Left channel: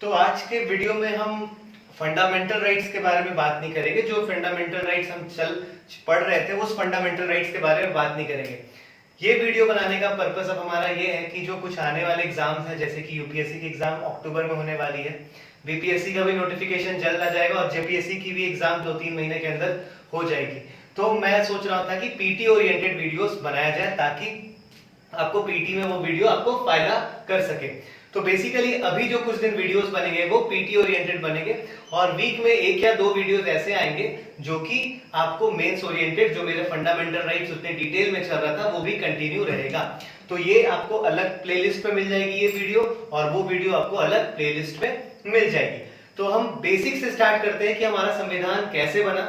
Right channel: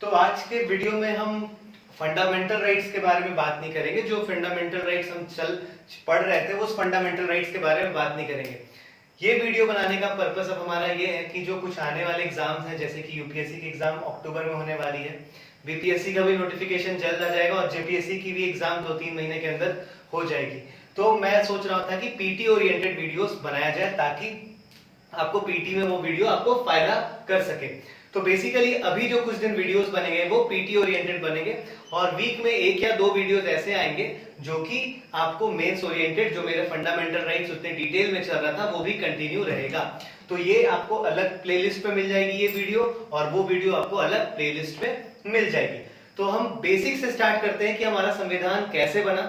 तो आज के वीडियो में हम फंडामेंटल राइट्स के बारे में बात नहीं करेंगे। जो फंडामेंटल राइट्स हम पढ़ रहे थे उस फंडामेंटल राइट्स के बारे में बात नहीं करेंगे। ये वीडियो बनाने का पर्पस अब हमारा ये है कि जो कुछ आने वाले एग्जाम्स हैं, जैसे कि यूपीएससी की एग्जाम अक्टूबर में होने वाली है, बीपीएससी का भी नोटिफिकेशन जल्द आ जाएगा और जेपीएससी की भी एग्जाम 2-3 महीने के अंदर हो जाएगी। तो मैं सोच रहा था कि पीटी ओरिएंटेड वीडियोस बनाया जाए ताकि आपको पीटी में वो वीडियो आपको फायदा कर सके। तो बेसिकली अभी जो कुछ दिन वीडियोस बनेंगे वो पीटी ओरिएंटेड बनेंगे और वीक में 1 या 2 वीडियोस ऐसे आएंगे जो कि आपको मेंस ओरिएंटेड, जो मेरे फंडामेंटल राइट्स उतने डिटेल में चल रहा था वो भी कंटिन्यू रहेगा। तो ये आपको अलग प्लेलिस्ट पे मिल जाएगी ये वीडियो, और वो वीडियो आपको अलग प्लेलिस्ट पे मिल जाएगी। तो हम बेसिक से स्टार्ट करते हैं कि हमारा संविधान कैसे बना,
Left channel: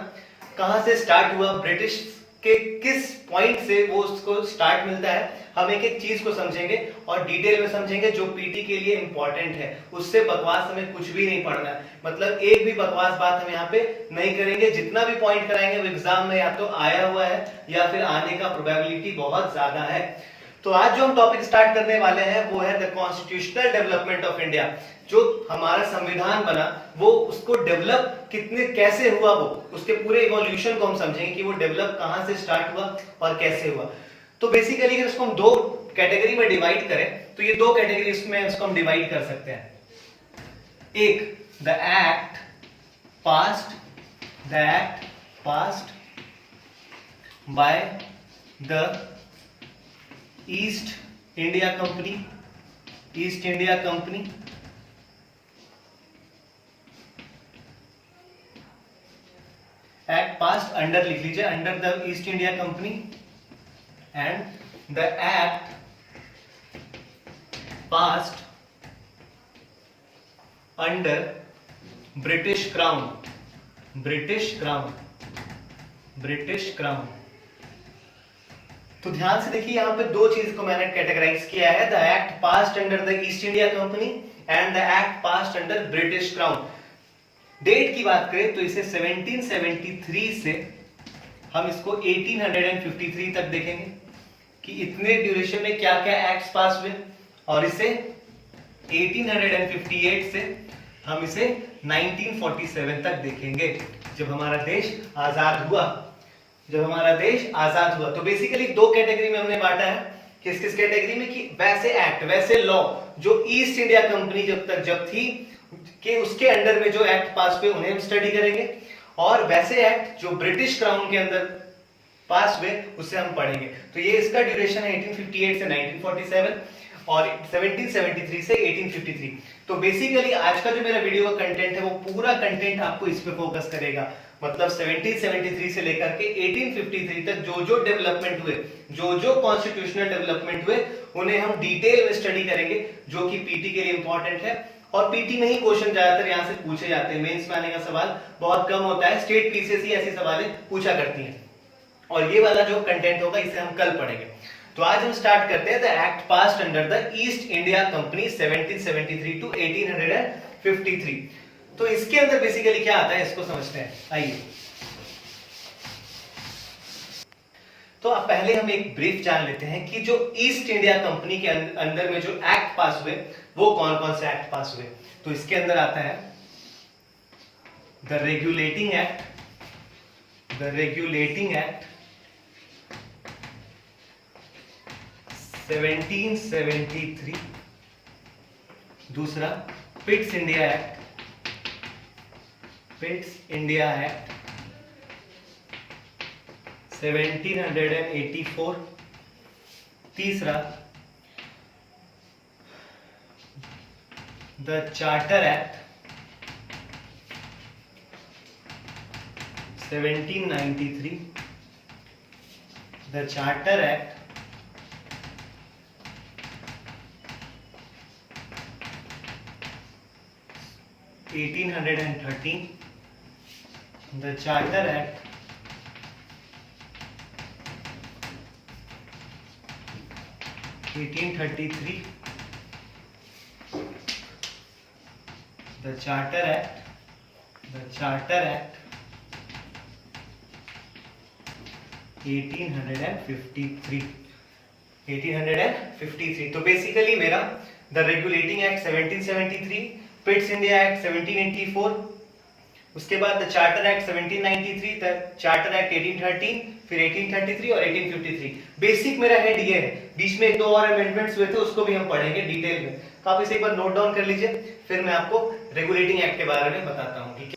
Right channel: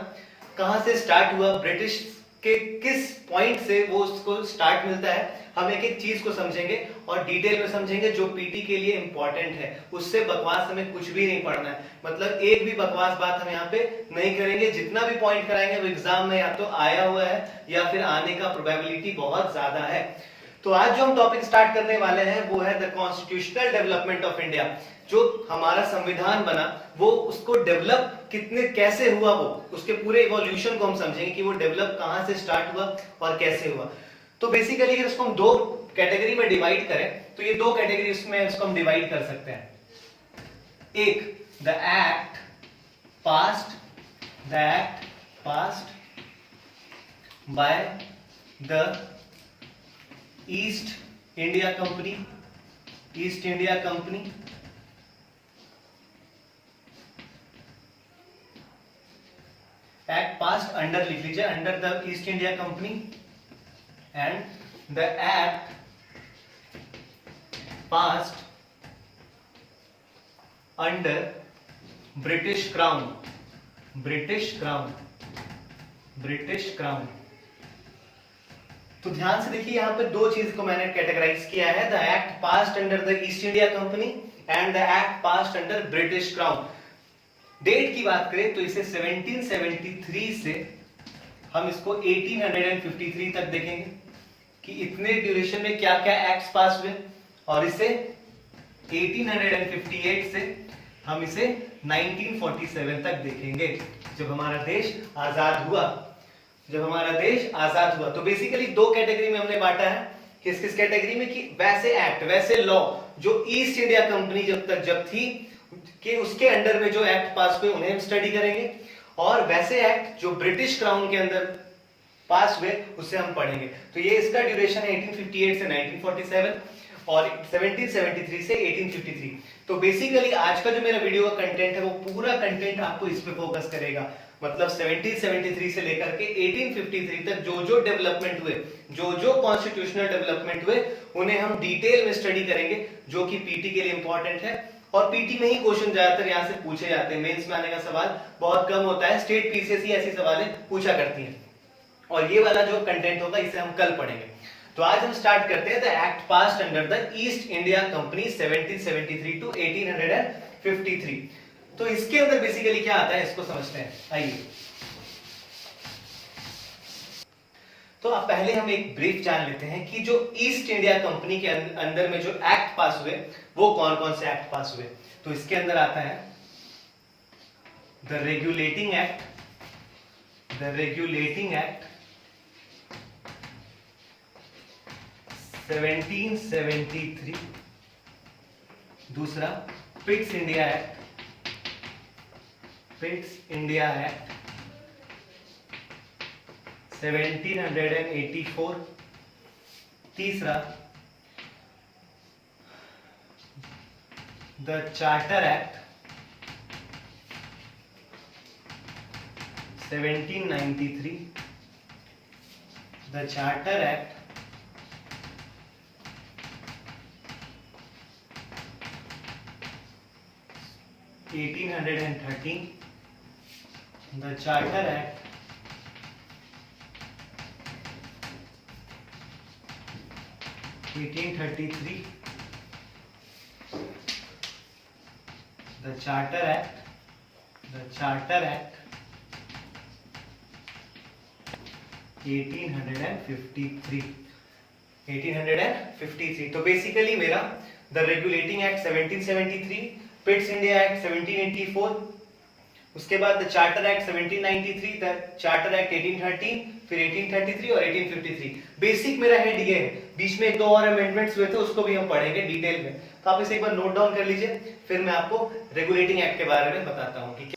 कहां से स्टार्ट हुआ, ब्रिटिश के किस पॉइंट से वो उसको स्टार्ट मिलता है। हम एक एक चीज को समझेंगे और डिटेल में समझेंगे जो पीटी के लिए इंपॉर्टेंट है। उससे बकवास हमें कुछ भी नहीं पढ़ना है, मतलब एक भी बकवास बात हम यहाँ पे नहीं करेंगे। जितना भी पॉइंट कराएंगे वो एग्जाम में या तो आया हुआ है या फिर आने का प्रोबेबिलिटी बहुत ज्यादा है। तो आज जो हम टॉपिक स्टार्ट करने वाले हैं वो है the constitutional development of India. जो हमारा संविधान बना वो उसको डेवलप कैसे हुआ, वो उसके पूरे इवोल्यूशन को हम समझेंगे कि वो डेवलप कहां से स्टार्ट हुआ और कैसे हुआ। तो बेसिकली अगर इसको हम 2 कैटेगरी में डिवाइड करें तो ये 2 कैटेगरी में इसको हम डिवाइड कर सकते हैं। एक, the act passed by the East India company, act passed under, लिख लीजिए, under the East India Company, and the act passed under British crown. तो ध्यान से देखिए, यहां पे 2 चीज को मैंने कैटेगराइज किया है, the act passed under the East India Company and the act passed under British Crown. Date की बात करें तो इसे 1773 से हम इसको 1853 तक देखेंगे कि इतने ड्यूरेशन में क्या क्या एक्ट्स पास हुए, और इसे 1858 से हम इसे 1947 तक देखेंगे, जब हमारा देश आजाद हुआ। तो बेसिकली 2 कैटेगरी में हमने बांटा है। किस किस कैटेगरी में? कि वैसे एक्ट, वैसे लॉ जो ईस्ट इंडिया कंपनी जब थी कि उसके अंडर में जो एक्ट पास हुए उन्हें हम स्टडी करेंगे, और वैसे एक्ट जो ब्रिटिश क्राउन के अंदर पास हुए उसे हम पढ़ेंगे। तो ये इसका ड्यूरेशन है 1858 से 1947 और 1773 से 1853। तो बेसिकली आज का जो मेरा वीडियो का कंटेंट है वो पूरा कंटेंट आपको इस पे फोकस करेगा, मतलब 1773 से लेकर के 1853 तक जो डेवलपमेंट हुए, जो कॉन्स्टिट्यूशनल डेवलपमेंट हुए, उन्हें हम डिटेल में स्टडी करेंगे, जो कि पीटी के लिए इंपॉर्टेंट है। और पीटी में ही क्वेश्चन ज्यादातर यहाँ से पूछे जाते हैं, मेंस में आने का सवाल बहुत कम होता है, स्टेट पीसीएस ही ऐसे सवाल पूछा करती हैं। और ये वाला जो कंटेंट होगा इसे हम कल पढ़ेंगे। तो आज हम स्टार्ट करते हैं the act passed under the East India Company 1773 to 1853। तो इसके अंदर बेसिकली क्या आता है इसको समझते हैं, आइए। तो अब पहले हम एक ब्रीफ जान लेते हैं कि जो ईस्ट इंडिया कंपनी के अंदर में जो एक्ट पास हुए वो कौन कौन से एक्ट पास हुए। तो इसके अंदर आता है द रेगुलेटिंग एक्ट 1773, दूसरा पिट्स इंडिया एक्ट 1784, तीसरा the charter act 1793, the charter act 1813, the charter act 1833, the Charter Act 1853। तो बेसिकली मेरा the regulating act 1773, Pitt's India act 1784, उसके बाद the charter act 1793, the charter act 1813, फिर 1833 और 1853। Basic मेरा head ये है, बीच में 2 और अमेंडमेंट्स हुए थे, उसको भी हम पढ़ेंगे डिटेल में, तो आप इसे एक बार नोट डाउन कर लीजिए, फिर मैं आपको रेगुलेटिंग एक्ट के बारे में बताता हूं। ठीक है,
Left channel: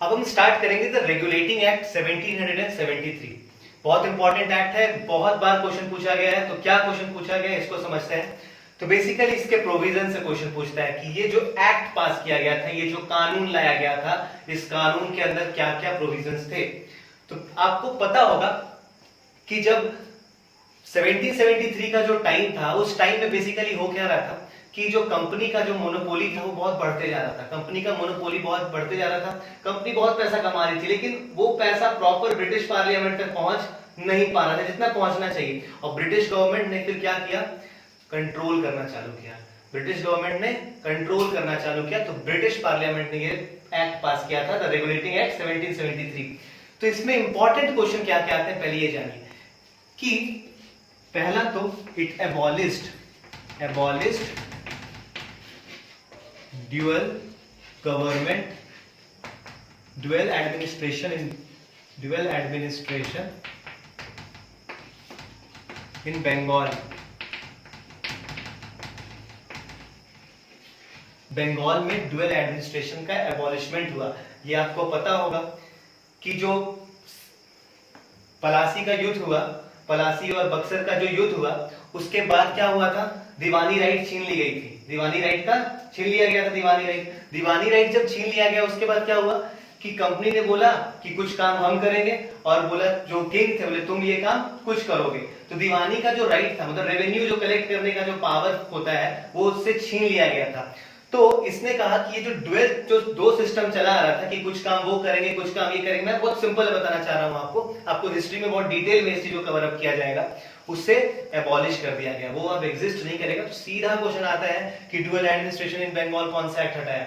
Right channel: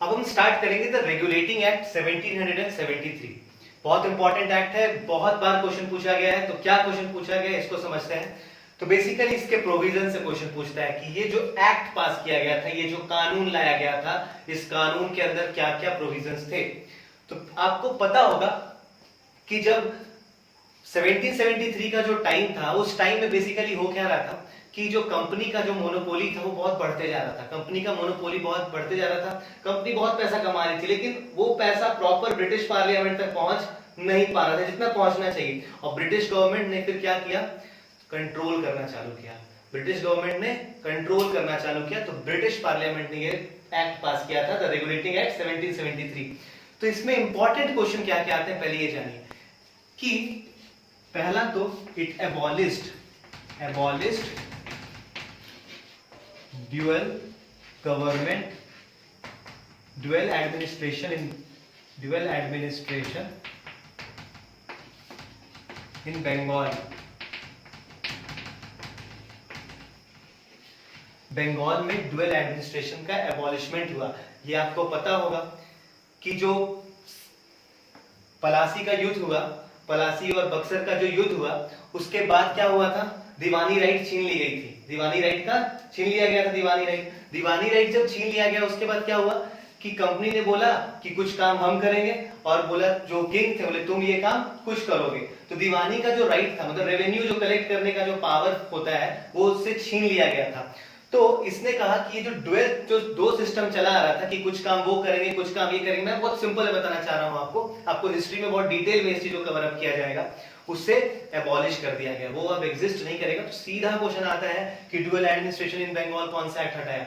अब हम स्टार्ट करेंगे द रेगुलेटिंग एक्ट 1773। बहुत इंपॉर्टेंट एक्ट है, बहुत बार क्वेश्चन पूछा गया है, तो क्या क्वेश्चन पूछा गया है इसको समझते हैं। तो बेसिकली इसके प्रोविजन से क्वेश्चन पूछता है कि ये जो एक्ट पास किया गया था, ये जो कानून लाया गया था, इस कानून के अंदर क्या क्या प्रोविजंस थे। तो आपको पता होगा कि जब 1773 का जो टाइम था, उस टाइम में बेसिकली हो क्या रहा था कि जो कंपनी का जो मोनोपोली था वो बहुत बढ़ते जा रहा था, कंपनी का मोनोपोली बहुत बढ़ते जा रहा था, कंपनी बहुत पैसा कमा रही थी, लेकिन वो पैसा प्रॉपर ब्रिटिश पार्लियामेंट तक पहुंच नहीं पा रहा था जितना पहुंचना चाहिए। और ब्रिटिश गवर्नमेंट ने फिर क्या किया, कंट्रोल करना चालू किया। ब्रिटिश गवर्नमेंट ने कंट्रोल करना चालू किया, तो ब्रिटिश पार्लियामेंट ने ये एक्ट पास किया था, द रेगुलेटिंग एक्ट 1773। तो इसमें इंपॉर्टेंट क्वेश्चन क्या क्या आते हैं पहले ये जानिए कि पहला तो it abolished dual government, dual administration in Bengal. Bengal में ड्यूअल एडमिनिस्ट्रेशन का एबॉलिशमेंट हुआ। ये आपको पता होगा कि जो पलासी का युद्ध हुआ, पलासी और बक्सर का जो युद्ध हुआ, उसके बाद क्या हुआ था, दीवानी राइट छीन ली गई थी, दीवानी राइट का छीन लिया गया था। दीवानी राइट जब छीन लिया गया, उसके बाद क्या हुआ कि कंपनी ने बोला कि कुछ काम हम करेंगे, और बोला जो किंग थे बोले तुम ये काम कुछ करोगे। तो दीवानी का जो राइट था, मतलब रेवेन्यू जो कलेक्ट करने का जो पावर होता है, वो उससे छीन लिया गया था। तो इसने कहा कि ये जो ड्यूअल जो 2 सिस्टम चला आ रहा था कि कुछ काम वो करेंगे, कुछ काम ये करेंगे, मैं बहुत सिंपल बताना चाह रहा हूं आपको हिस्ट्री में बहुत डिटेल में इस चीज को कवर अप किया जाएगा, उससे एबॉलिश कर दिया गया, वो अब एग्जिस्ट नहीं करेगा। तो सीधा क्वेश्चन आता है कि ड्यूअल एडमिनिस्ट्रेशन इन बंगाल कौन सा एक्ट हटाया,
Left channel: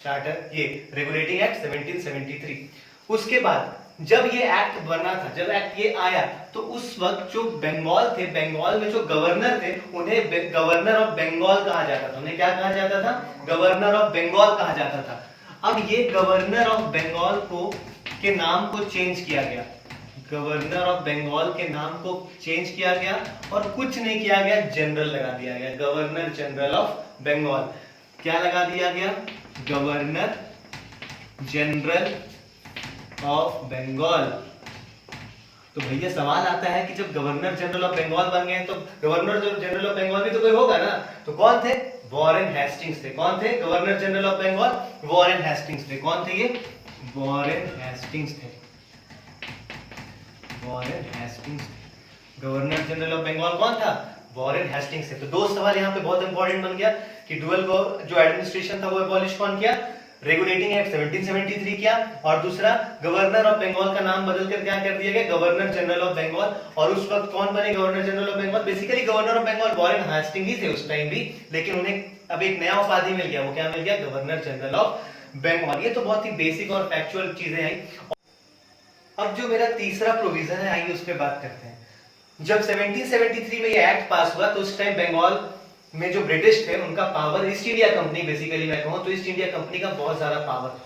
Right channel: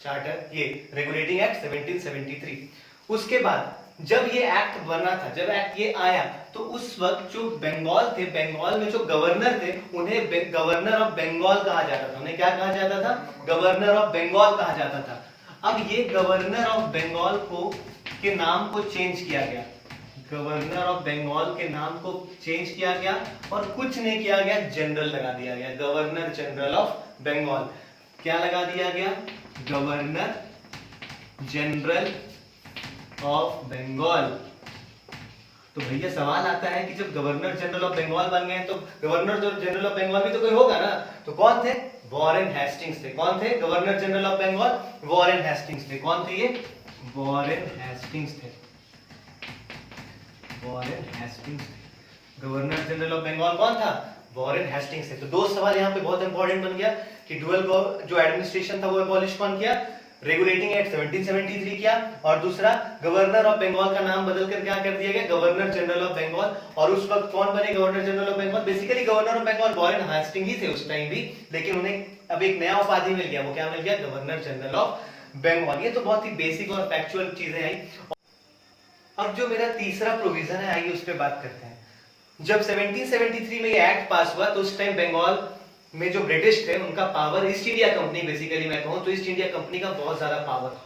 चार्टर ये रेगुलेटिंग एक्ट 1773। उसके बाद जब ये एक्ट बना था, जब एक्ट ये आया, तो उस वक्त जो बंगाल थे, बंगाल में जो गवर्नर थे, उन्हें गवर्नर ऑफ बंगाल कहा जाता था। उन्हें क्या कहा जाता था, गवर्नर ऑफ बंगाल कहा जाता था। अब ये गवर्नर ऑफ बंगाल को के नाम को चेंज किया गया, गवर्नर ऑफ बंगाल के नाम को चेंज किया गया, और कुछ नहीं किया गया, जनरल लगा दिया गया, गवर्नर जनरल ऑफ बंगाल। क्या लगा दिया गया, गवर्नर जनरल ऑफ बंगाल। तो भैया सवाल आता है कि जब गवर्नर जनरल ऑफ बंगाल बन गए तो गवर्नर जनरल ऑफ बंगाल भी तो कोई होगा ना, तो कौन थे, वॉरेन हेस्टिंग्स थे। कौन थे, governor general of Bengal Warren Hastings थे। कौन थे ये, वॉरेन हेस्टिंग्स थे, वॉरेन हेस्टिंग्स थे। गवर्नर जनरल ऑफ बंगाल कौन था, वॉरेन हेस्टिंग्स थे। तो 2 सवाल यहाँ पे बहुत इंपॉर्टेंट बन गया कि डुअल जो एडमिनिस्ट्रेशन था वो एबॉलिश कौन किया, रेगुलेटिंग एक्ट 1773 किया, और दूसरा गवर्नर ऑफ बंगाल का नाम बदलकर क्या कर दिया गया, गवर्नर जनरल ऑफ बंगाल। और उस वक्त कौन बने governor general of Bengal, basically governor of Bengal Warren Hastings ही थे उस टाइम भी, लेकिन उन्हें अब एक नया उपाधि मिल गया, वो क्या मिल गया, गवर्नर जनरल ऑफ बंगाल। ये तो बहुत ही बेसिक और फैक्चुअल चीजें आई। अब जो मेरा तीसरा प्रोविजन है, आइए उस पर बात करते हैं। जब 1773 में ये एक्ट पास हुआ, तो उस टाइम बंगाल में जो ब्रिटिश थे उनका power, east India company basically मैं कहूं तो ईस्ट इंडिया कंपनी का बहुत ज्यादा पावर,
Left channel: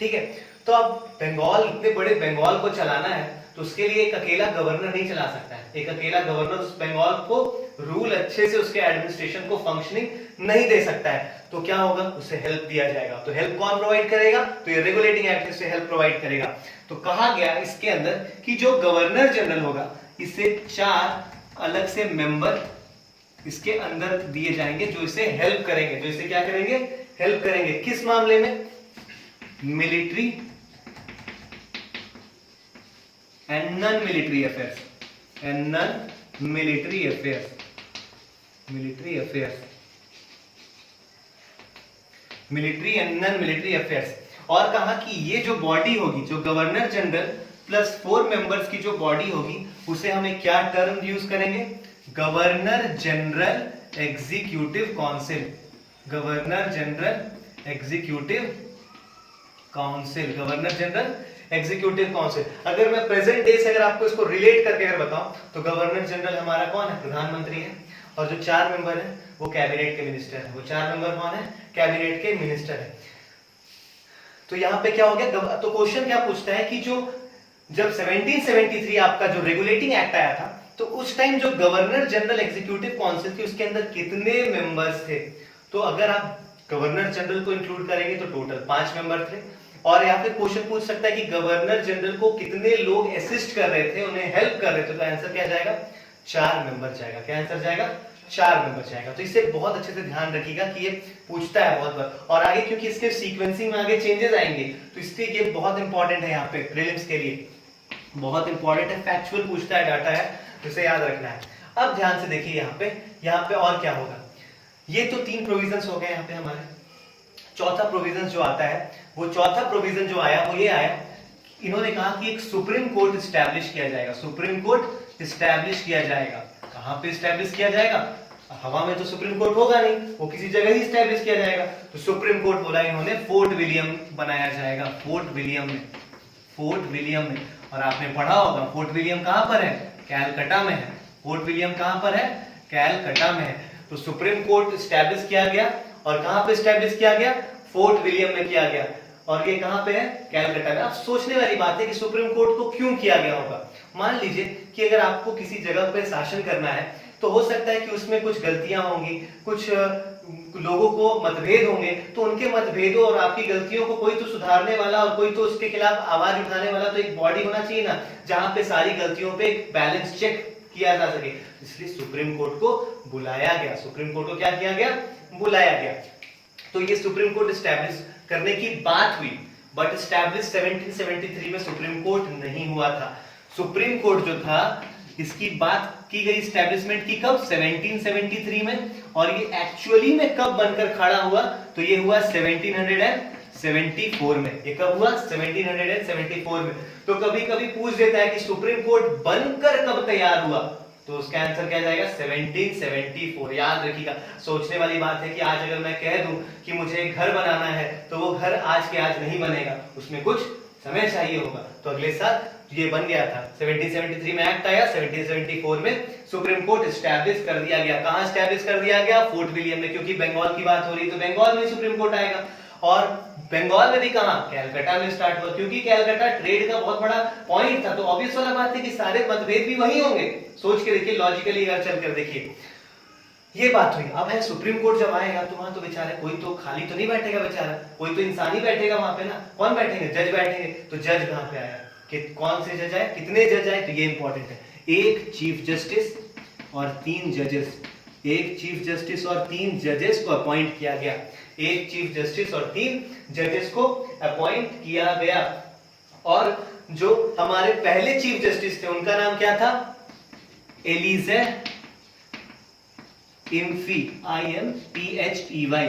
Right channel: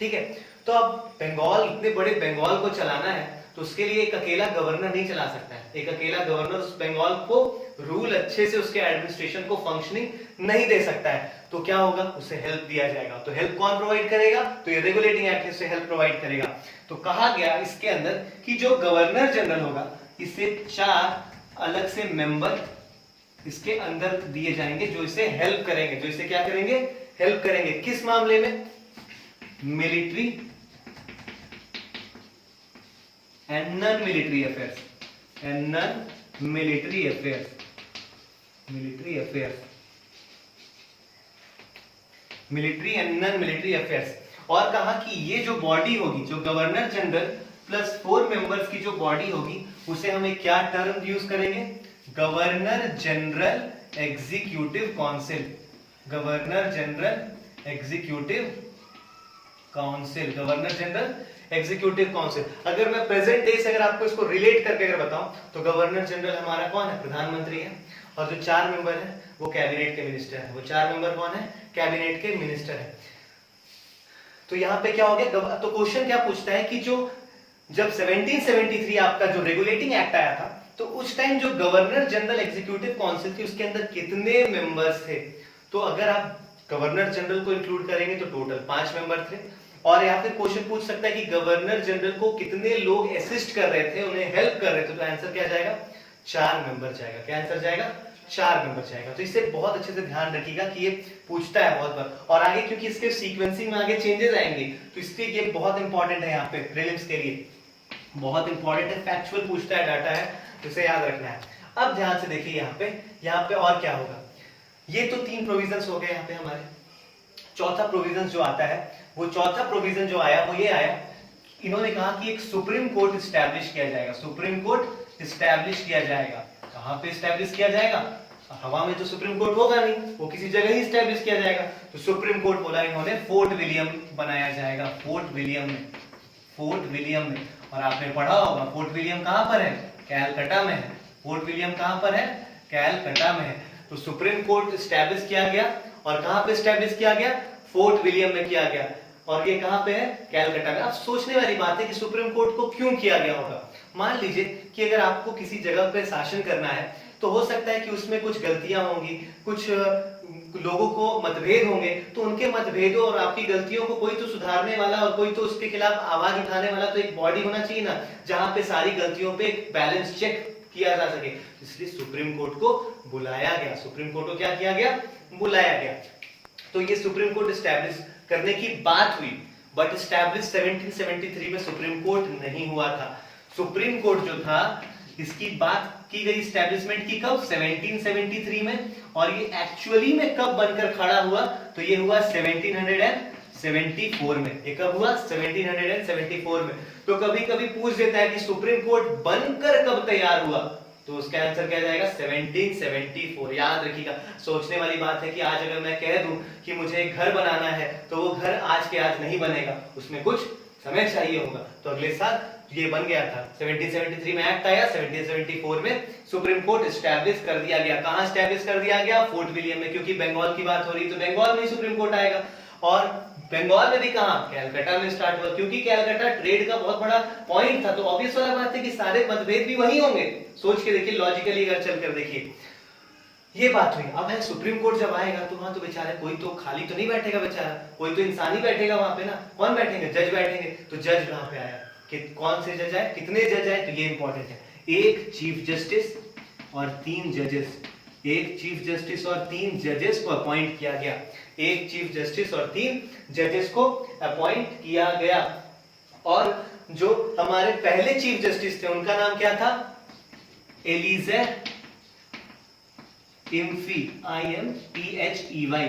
ठीक है। तो अब बंगाल, इतने बड़े बंगाल को चलाना है, तो उसके लिए एक अकेला गवर्नर नहीं चला सकता है, एक अकेला गवर्नर उस बंगाल को रूल अच्छे से, उसके एडमिनिस्ट्रेशन को फंक्शनिंग नहीं दे सकता है। तो क्या होगा, उसे हेल्प दिया जाएगा। तो हेल्प कौन प्रोवाइड करेगा, तो ये रेगुलेटिंग एक्ट से हेल्प प्रोवाइड करेगा। तो कहा गया इसके अंदर कि जो गवर्नर जनरल होगा, इसे 4 अलग से मेंबर इसके अंदर दिए जाएंगे जो इसे हेल्प करेंगे, जो इसे क्या करेंगे, हेल्प करेंगे। किस मामले में, military and non military affairs, and non military affairs, military affairs, military and non military affairs. और कहा कि ये जो बॉडी होगी, जो गवर्नर जनरल प्लस 4 मेंबर्स की जो बॉडी होगी, उसे हमें क्या टर्म यूज करेंगे, governor general executive council, governor general executive council, governor general executive council. अगर मैं प्रेजेंट डे से अगर आपको इसको रिलेट करके अगर बताऊं, तो गवर्नर जनरल हमारा कौन है, प्रधानमंत्री है। और जो 4 मेंबर है वो कैबिनेट के मिनिस्टर है। वो 4 मेंबर कौन है? कैबिनेट के मिनिस्टर है। तो यहाँ पे क्या हो गया, तो क्वेश्चन क्या पूछता है कि जो जब 1773 आपका जो रेगुलेटिंग एक्ट आया था, तो उस टाइम जो गवर्नर जनरल एग्जीक्यूटिव काउंसिल थी उसके अंदर कितने मेंबर्स थे? तो अगर आप गवर्नर जनरल को इंक्लूड करेंगे तो टोटल 5 मेंबर थे। और यहाँ पे क्वेश्चन पूछ सकता है कि गवर्नर जनरल को कितने लोग असिस्ट कर रहे थे, उन्हें हेल्प कर रहे थे, तो आंसर क्या जाएगा? 4 मेंबर जाएगा। क्या आंसर जाएगा? 4 मेंबर जाएगा। तो इससे बहुत अच्छे से ध्यान रखिएगा कि ये पूछता है बहुत बार, और आगे क्योंकि इसके सीक्वेंसिंग में आगे चेंजेस आएंगे तो इसलिए ये बहुत इंपॉर्टेंट है। यहाँ पे प्रीलिम्स के लिए बहुत इंपॉर्टेंट है, फैक्चुअल पूछता है, डाटा है, इसे याद रखना है। अब ध्यान से देखिए यहाँ पे और क्या होगा। ये तो 3 प्रोविजंस हो गए यहाँ पे हमारे। चौथा प्रोविजन जो आता है, वो चौथा प्रोविजन जो आया वो ये आया, इन्होंने कहा कि एक सुप्रीम कोर्ट स्टैब्लिश किया जाएगा। सुप्रीम कोर्ट स्टैब्लिश किया जाएगा। कहां पे स्टैब्लिश किया जाएगा? हवा में तो सुप्रीम कोर्ट होगा नहीं, वो किसी जगह ही स्टैब्लिश किया जाएगा। तो सुप्रीम कोर्ट बोला इन्होंने फोर्ट विलियम बनाया जाएगा। फोर्ट विलियम में, फोर्ट विलियम में। और आपने पढ़ा होगा फोर्ट विलियम कहां पर है? कैलकटा में है। फोर्ट विलियम कहां पर है? कैलकटा में है। तो सुप्रीम कोर्ट स्टैब्लिश किया गया, और कहां पे स्टैब्लिश किया गया? फोर्ट विलियम में किया गया। और ये कहां पे है? कैलकटा में। अब सोचने वाली बात है कि सुप्रीम कोर्ट को क्यों किया गया होगा। मान लीजिए कि अगर आपको किसी जगह पे शासन करना है तो हो सकता है कि उसमें कुछ गलतियां होंगी, कुछ लोगों को मतभेद होंगे, तो उनके मतभेदों और आपकी गलतियों को कोई तो सुधारने वाला और कोई तो उसके खिलाफ आवाज उठाने वाला तो एक बॉडी होना चाहिए ना, जहां पे सारी गलतियों पे एक बैलेंस चेक किया जा सके। इसलिए सुप्रीम कोर्ट को बुलाया गया। सुप्रीम कोर्ट को क्या किया गया? बुलाया गया। तो ये सुप्रीम कोर्ट स्टैब्लिश करने की बात हुई, बट स्टैब्लिश 1773 में सुप्रीम कोर्ट नहीं हुआ था। सुप्रीम कोर्ट जो था इसकी बात की गई स्टैब्लिशमेंट की कब? 1773 में। और ये एक्चुअली में कब बनकर खड़ा हुआ? तो ये हुआ 1774 में। ये कब हुआ? 1774 में। तो कभी कभी पूछ देता है कि सुप्रीम कोर्ट बनकर कब तैयार हुआ, तो उसका आंसर क्या जाएगा? 1774। याद रखिएगा। सोचने वाली बात है कि आज अगर मैं कह दूं कि मुझे एक घर बनाना है तो वो घर आज के आज नहीं बनेगा, उसमें कुछ समय चाहिए होगा। तो अगले साल ये बन गया था। 1773 में एक्ट आया, 1774 में सुप्रीम कोर्ट स्टैब्लिश कर दिया गया। कहां स्टैब्लिश कर दिया गया? फोर्ट विलियम में, क्योंकि बंगाल की बात हो रही तो बंगाल में सुप्रीम कोर्ट आएगा। और बंगाल में भी कहां? कैलकाटा में स्टार्ट हुआ, क्योंकि कैलकाटा ट्रेड का बहुत बड़ा पॉइंट था। तो ऑब्वियस वाला बात है कि सारे मतभेद भी वही होंगे। सोच के देखिए, लॉजिकली अगर चल कर देखिए, ये बात हुई। अब है सुप्रीम कोर्ट जब आएगा तो वहां तो बेचारा कोई तो खाली तो नहीं बैठेगा, बेचारा कोई तो इंसान ही बैठेगा वहां पे ना। कौन बैठेंगे? जज बैठेंगे। तो जज कहां पे आया? कि कौन से जज आए, कितने जज आए? तो ये इंपॉर्टेंट है। एक चीफ जस्टिस और 3 जजेस। एक चीफ जस्टिस और 3 जजेस को अपॉइंट किया गया। एक चीफ जस्टिस और 3 जजेस को अपॉइंट किया गया। और जो हमारे पहले चीफ जस्टिस थे उनका नाम क्या था? एलिजे इम्फी, IMPHEY।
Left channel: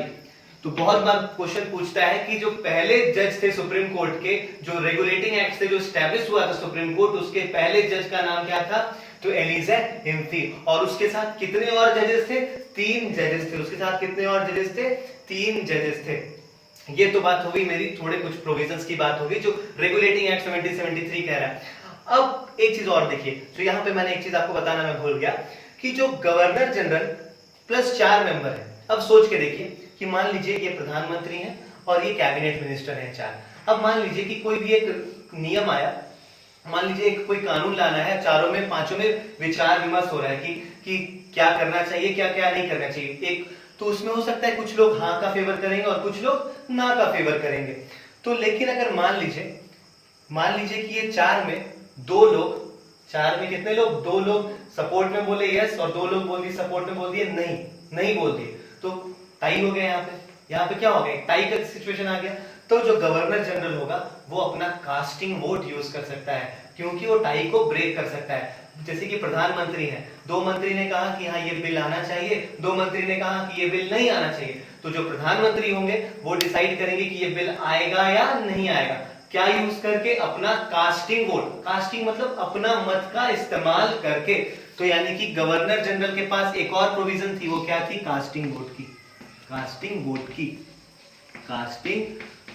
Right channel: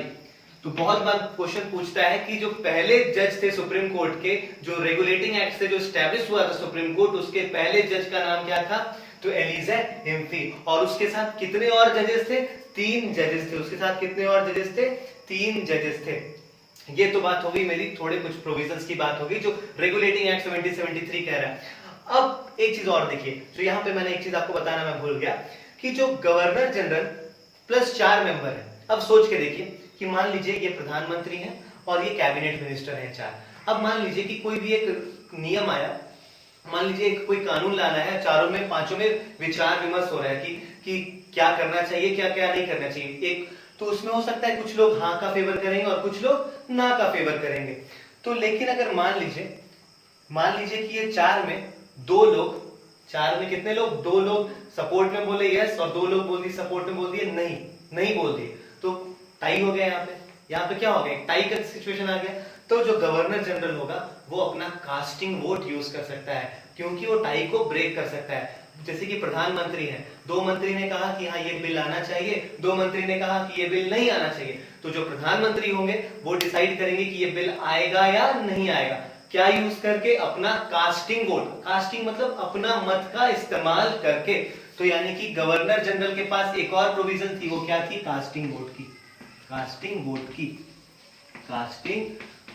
तो बहुत बार क्वेश्चन पूछता है कि जो पहले जज थे सुप्रीम कोर्ट के, जो रेगुलेटिंग एक्ट से जो स्टैब्लिश हुआ था सुप्रीम कोर्ट, उसके पहले जज का नाम क्या था? तो एलिजा इम्फी। और उसके साथ कितने और जजेस थे? 3 जजेस थे। उसके साथ कितने और जजेस थे? 3 जजेस थे। ये तो बात होगी मेरी, थोड़े कुछ प्रोविजंस की बात होगी जो रेगुलेटिंग एक्ट 1773 कह रहा है। अब एक चीज और देखिए, तो यहां पे मैंने एक चीज आपको बताना मैं भूल गया कि जो गवर्नर जनरल प्लस 4 मेंबर है। अब सोच के देखिए कि मान लीजिए ये प्रधानमंत्री हैं और ये कैबिनेट मिनिस्टर हैं 4। अब मान लीजिए कि कोई भी एक नियम आया, मान लीजिए एक कोई कानून लाना है, चारों में 5 में विचार विमर्श हो रहा है कि क्या करना चाहिए, क्या क्या नहीं करना चाहिए। एक तो उसमें हो सकता है कुछ लोग हाँ का फेवर करेंगे और कुछ लोग ना का फेवर करेंगे। तो लेकिन अगर मान लीजिए कि ये 4 में 2 लोग, 4 में कितने लोग? 2 लोग सपोर्ट में बोले यस और 2 लोग बोल दिए सपोर्ट में बोल दिए नहीं बोल दिए, तो टाई हो गया। यहाँ पे क्या हो गया? टाई का सिचुएशन आ गया। तो जो गवर्नर जनरल होगा वो अपना कास्टिंग वोट यूज कर सकता है, क्योंकि वो टाई को ब्रेक कर सकता है। जैसे कि प्रधानमंत्री है, 2 मंत्री ने कहा कि हाँ ये बिल आना चाहिए, 2 मंत्री ने कहा कि ये बिल नहीं आना चाहिए। तो जो प्रधानमंत्री होंगे वो डिसाइड करेंगे कि ये बिल आएगा या नहीं आएगा। क्या यूज करके? अपना कास्टिंग वोट। कास्टिंग मतलब अपना मत का इस्तेमाल करके। तो यानी कि गवर्नर जनरल के पास एक और प्रोविजन थी, वो क्या थी? कास्टिंग वोट की। कास्टिंग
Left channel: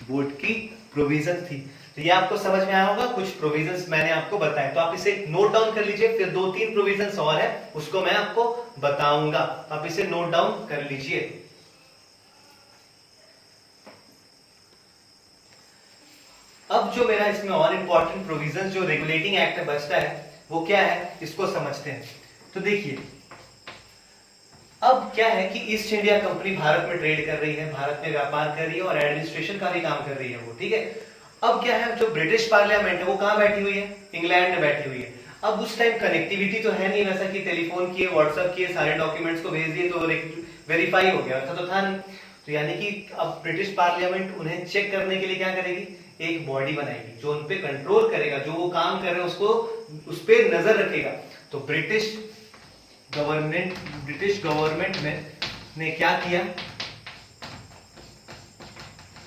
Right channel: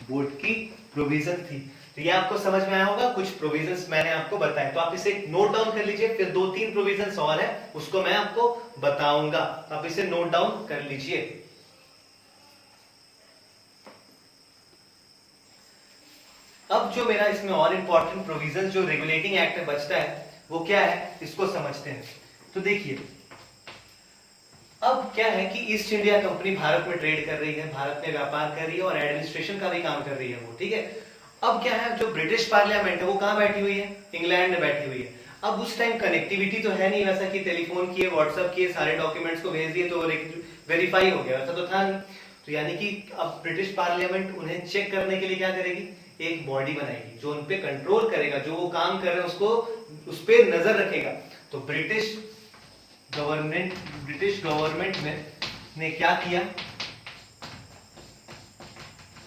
वोट की प्रोविजन थी। तो ये आपको समझ में आया होगा, कुछ प्रोविजंस मैंने आपको बताए, तो आप इसे नोट डाउन कर लीजिए। फिर 2-3 प्रोविजंस और है, उसको मैं आपको बताऊंगा, आप इसे नोट डाउन कर लीजिए। अब जो मेरा इसमें और इंपॉर्टेंट प्रोविजन जो रेगुलेटिंग एक्ट में बचता है वो क्या है, इसको समझते हैं। तो देखिए अब क्या है कि ईस्ट इंडिया कंपनी भारत में ट्रेड कर रही है, भारत में व्यापार कर रही है और एडमिनिस्ट्रेशन का भी काम कर रही है वो, ठीक है। अब क्या है, जो ब्रिटिश पार्लियामेंट है वो कहां बैठी हुई है, इंग्लैंड में बैठी हुई है। अब उस टाइम कनेक्टिविटी तो है नहीं वैसा कि टेलीफोन किए, व्हाट्सएप किए, सारे डॉक्यूमेंट्स को भेज दिए तो वेरीफाई हो गया, वैसा तो था नहीं। तो यानी कि अब ब्रिटिश पार्लियामेंट उन्हें चेक करने के लिए क्या करेगी, एक बॉडी बनाएगी जो उन पे कंट्रोल करेगा, जो वो काम कर रहे हैं उसको उस पे नजर रखेगा। तो ब्रिटिश गवर्नमेंट ने क्या किया,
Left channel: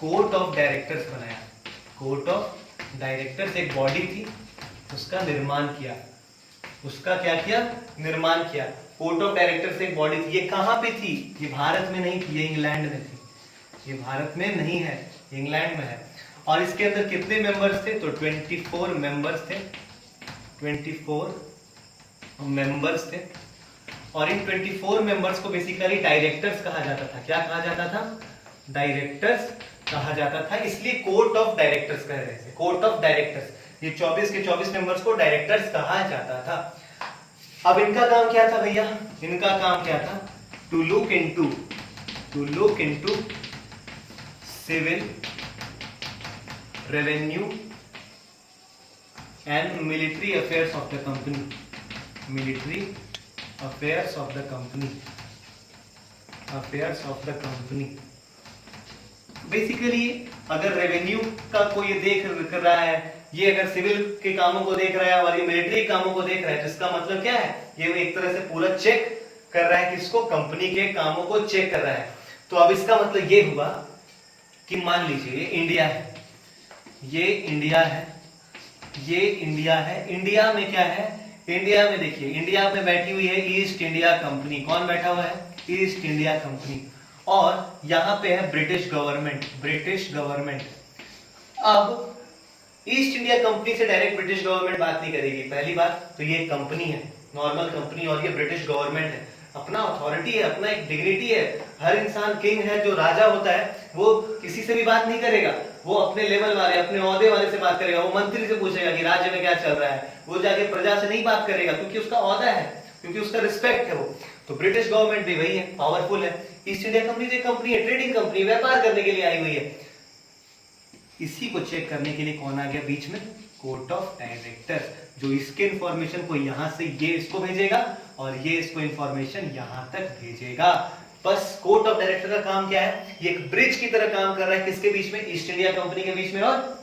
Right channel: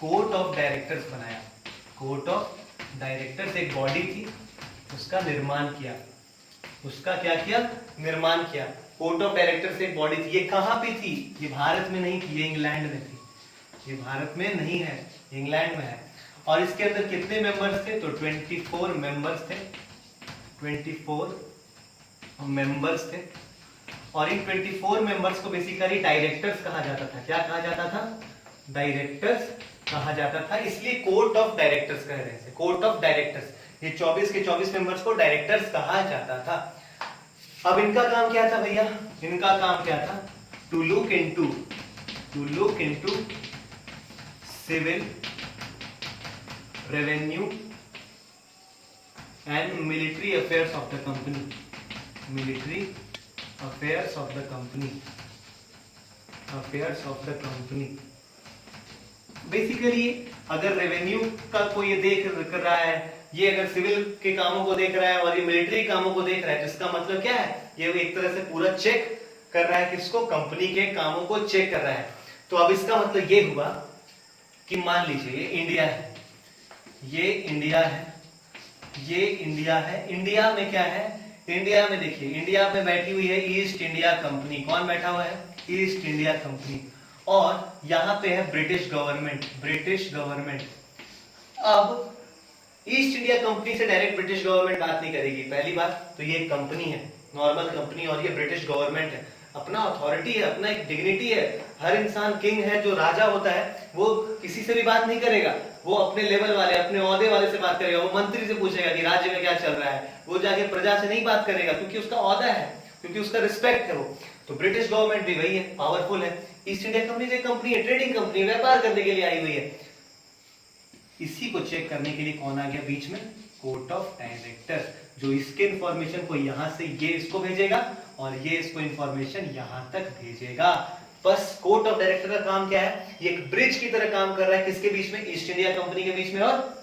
कोर्ट ऑफ डायरेक्टर्स बनाया। कोर्ट ऑफ डायरेक्टर्स एक बॉडी थी, उसका निर्माण किया। उसका क्या किया, निर्माण किया। कोर्ट ऑफ डायरेक्टर्स एक बॉडी थी। ये कहां पे थी, ये भारत में नहीं थी, ये इंग्लैंड में थी। ये भारत में नहीं है, इंग्लैंड में है। और इसके अंदर कितने मेंबर्स थे, तो 24 मेंबर्स थे। 24 मेंबर्स थे। और इन 24 मेंबर्स को बेसिकली डायरेक्टर्स कहा जाता था। क्या कहा जाता था, डायरेक्टर्स कहा जाता था, इसलिए कोर्ट ऑफ डायरेक्टर्स कह रहे थे, कोर्ट ऑफ डायरेक्टर्स। ये 24 के 24 मेंबर्स को डायरेक्टर्स कहा जाता था। अब इनका काम क्या था भैया, इनका काम क्या था, to look into civil, revenue and military affairs of the company. Military affairs of the company, affairs of the company. Basically अगर रेवेन्यू का कोई ये देख कर रहा है, ये अगर सिविल के कामों को देख रहा है और ये मिलिट्री कामों को देख रहा है, जिसका मतलब क्या है, ये एक तरह से पूरा चेक कर रहा है, किसको, कंपनी के कामों को चेक कर रहा है। तो अब इसका मतलब ये हुआ कि मान लीजिए ये इंडिया है, ये इंडिया है, ये इंडिया है। इंडिया में क्या है, इंडिया में देखिए, इंडिया में बैठी हुई है ईस्ट इंडिया कंपनी। कौन बैठा हुआ है, ईस्ट इंडिया कंपनी। और यहां पे है ब्रिटिश गवर्नमेंट, ब्रिटिश गवर्नमेंट। अब ईस्ट इंडिया कंपनी से डायरेक्ट ब्रिटिश गवर्नमेंट बात नहीं करेगी, पहली बात तो ये कंपनी है, नॉर्मल कंपनी, और ये ब्रिटिश गवर्नमेंट है, अपना अथॉरिटी है, अपना एक डिग्निटी है। हर इंसान किंग है, जो राजा होता है वो किसी से भी बात नहीं करेगा, वो अपने लेवल वाले, अपने ओहदे वाले से बात करेगा। वो मंत्री से पूछेगा कि राज्य में क्या चल रहा है, वो जाके प्रजा से नहीं बात करेगा, क्योंकि उसका ओहदा है, क्योंकि उसका रिस्पेक्ट है वो। तो ब्रिटिश गवर्नमेंट भी वही है, पावरफुल है। ईस्ट इंडिया कंपनी जो कंपनी है, ट्रेडिंग कंपनी, व्यापार करने के लिए आई हुई है। इसी को चेक करने के लिए कौन आ गया बीच में, कोर्ट ऑफ डायरेक्टर्स, जो इसके इंफॉर्मेशन को यहां से ये इसको भेजेगा और ये इसको इंफॉर्मेशन यहां तक भेजेगा। बस कोर्ट ऑफ डायरेक्टर का काम क्या है, ये एक ब्रिज की तरह काम कर रहा है, किसके बीच में, ईस्ट इंडिया कंपनी के बीच में और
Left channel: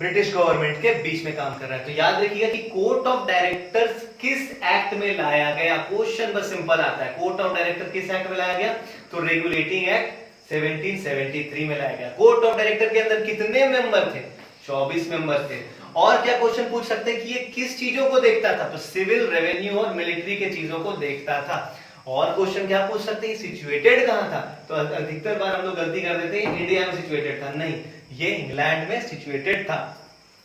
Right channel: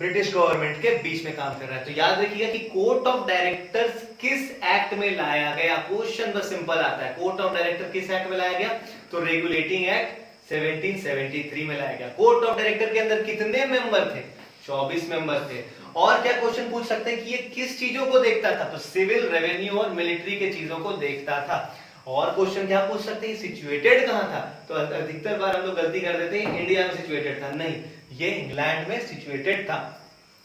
ब्रिटिश गवर्नमेंट के बीच में काम कर रहा है। तो याद रखिएगा कि कोर्ट ऑफ डायरेक्टर्स किस एक्ट में लाया गया, क्वेश्चन बस सिंपल आता है, कोर्ट ऑफ डायरेक्टर किस एक्ट में लाया गया, तो रेगुलेटिंग एक्ट 1773 में लाया गया। कोर्ट ऑफ डायरेक्टर के अंदर कितने मेंबर थे, 24 मेंबर थे। और क्या क्वेश्चन पूछ सकते हैं कि ये किस चीजों को देखता था, तो सिविल, रेवेन्यू और मिलिट्री के चीजों को देखता था। और क्वेश्चन क्या पूछ सकते हैं, सिचुएटेड कहां था, तो अधिकतर बार हम लोग गलती कर देते हैं, इंडिया में सिचुएटेड था, नहीं, ये इंग्लैंड में सिचुएटेड था।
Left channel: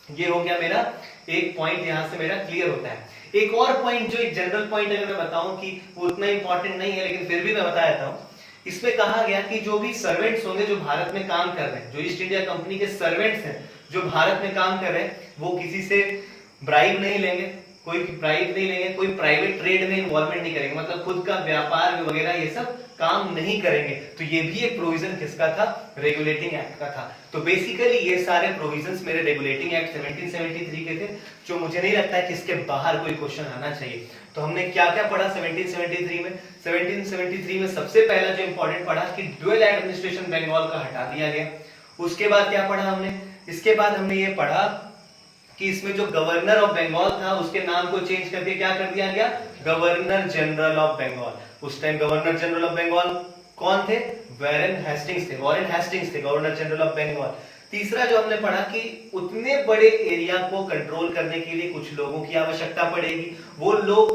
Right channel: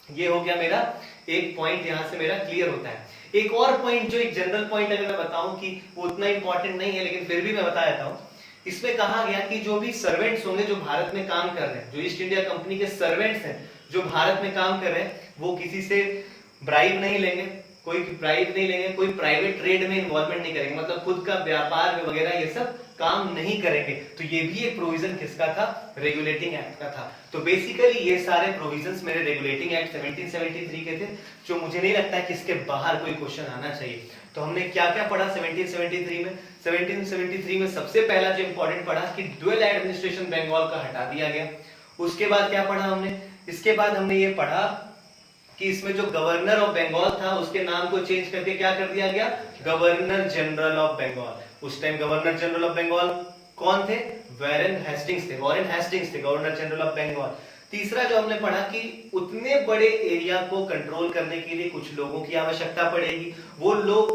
ये हो गया मेरा एक पॉइंट, यहां से मेरा क्लियर होता है। एक और पॉइंट, जो एक जनरल पॉइंट अगर मैं बताऊं कि वो उतना इंपॉर्टेंट नहीं है, लेकिन फिर भी मैं बता देता हूं। इसमें कहा गया कि जो भी सर्वेंट्स होंगे जो भारत में काम कर रहे हैं, जो ईस्ट इंडिया कंपनी के सर्वेंट्स हैं जो भारत में काम कर रहे हैं, वो किसी से ब्राइब नहीं लेंगे, कोई ब्राइब नहीं लेंगे, कोई प्राइवेट ट्रेड में इन्वॉल्वमेंट नहीं करेंगे, मतलब खुद का व्यापार वगैरह ये सब काम नहीं करेंगे। तो ये भी एक प्रोविजन किसका था, रेगुलेटिंग एक्ट का था। तो बेसिकली ये सारे प्रोविजंस मेरे रेगुलेटिंग एक्ट 1773 के थे, जो मुझे नहीं लगता है कि इसके बाहर कोई क्वेश्चन आना चाहिए। तो हमने क्या क्या पढ़ा 1773 में, 1773 में सबसे पहला जो इंपॉर्टेंट पढ़ा कि ड्यूअल एडमिनिस्ट्रेशन बंगाल का हटा दिया गया। उसके बाद क्या पढ़ा हमने, इसके बाद हमने ये पढ़ा कि इसमें जो गवर्नर ऑफ बंगाल था उसके नाम को चेंज करके क्या कर दिया गया, गवर्नर जनरल ऑफ बंगाल। उस time governor general of Bengal कौन थे, वॉरेन हेस्टिंग्स थे, वॉरेन हेस्टिंग्स थे गवर्नर जनरल ऑफ बंगाल। तीसरा जो हमने पढ़ा कि उतने बड़े एरिया को कंट्रोल करने के लिए कुछ लोगों की आवश्यकता पड़ेगी, वो लोग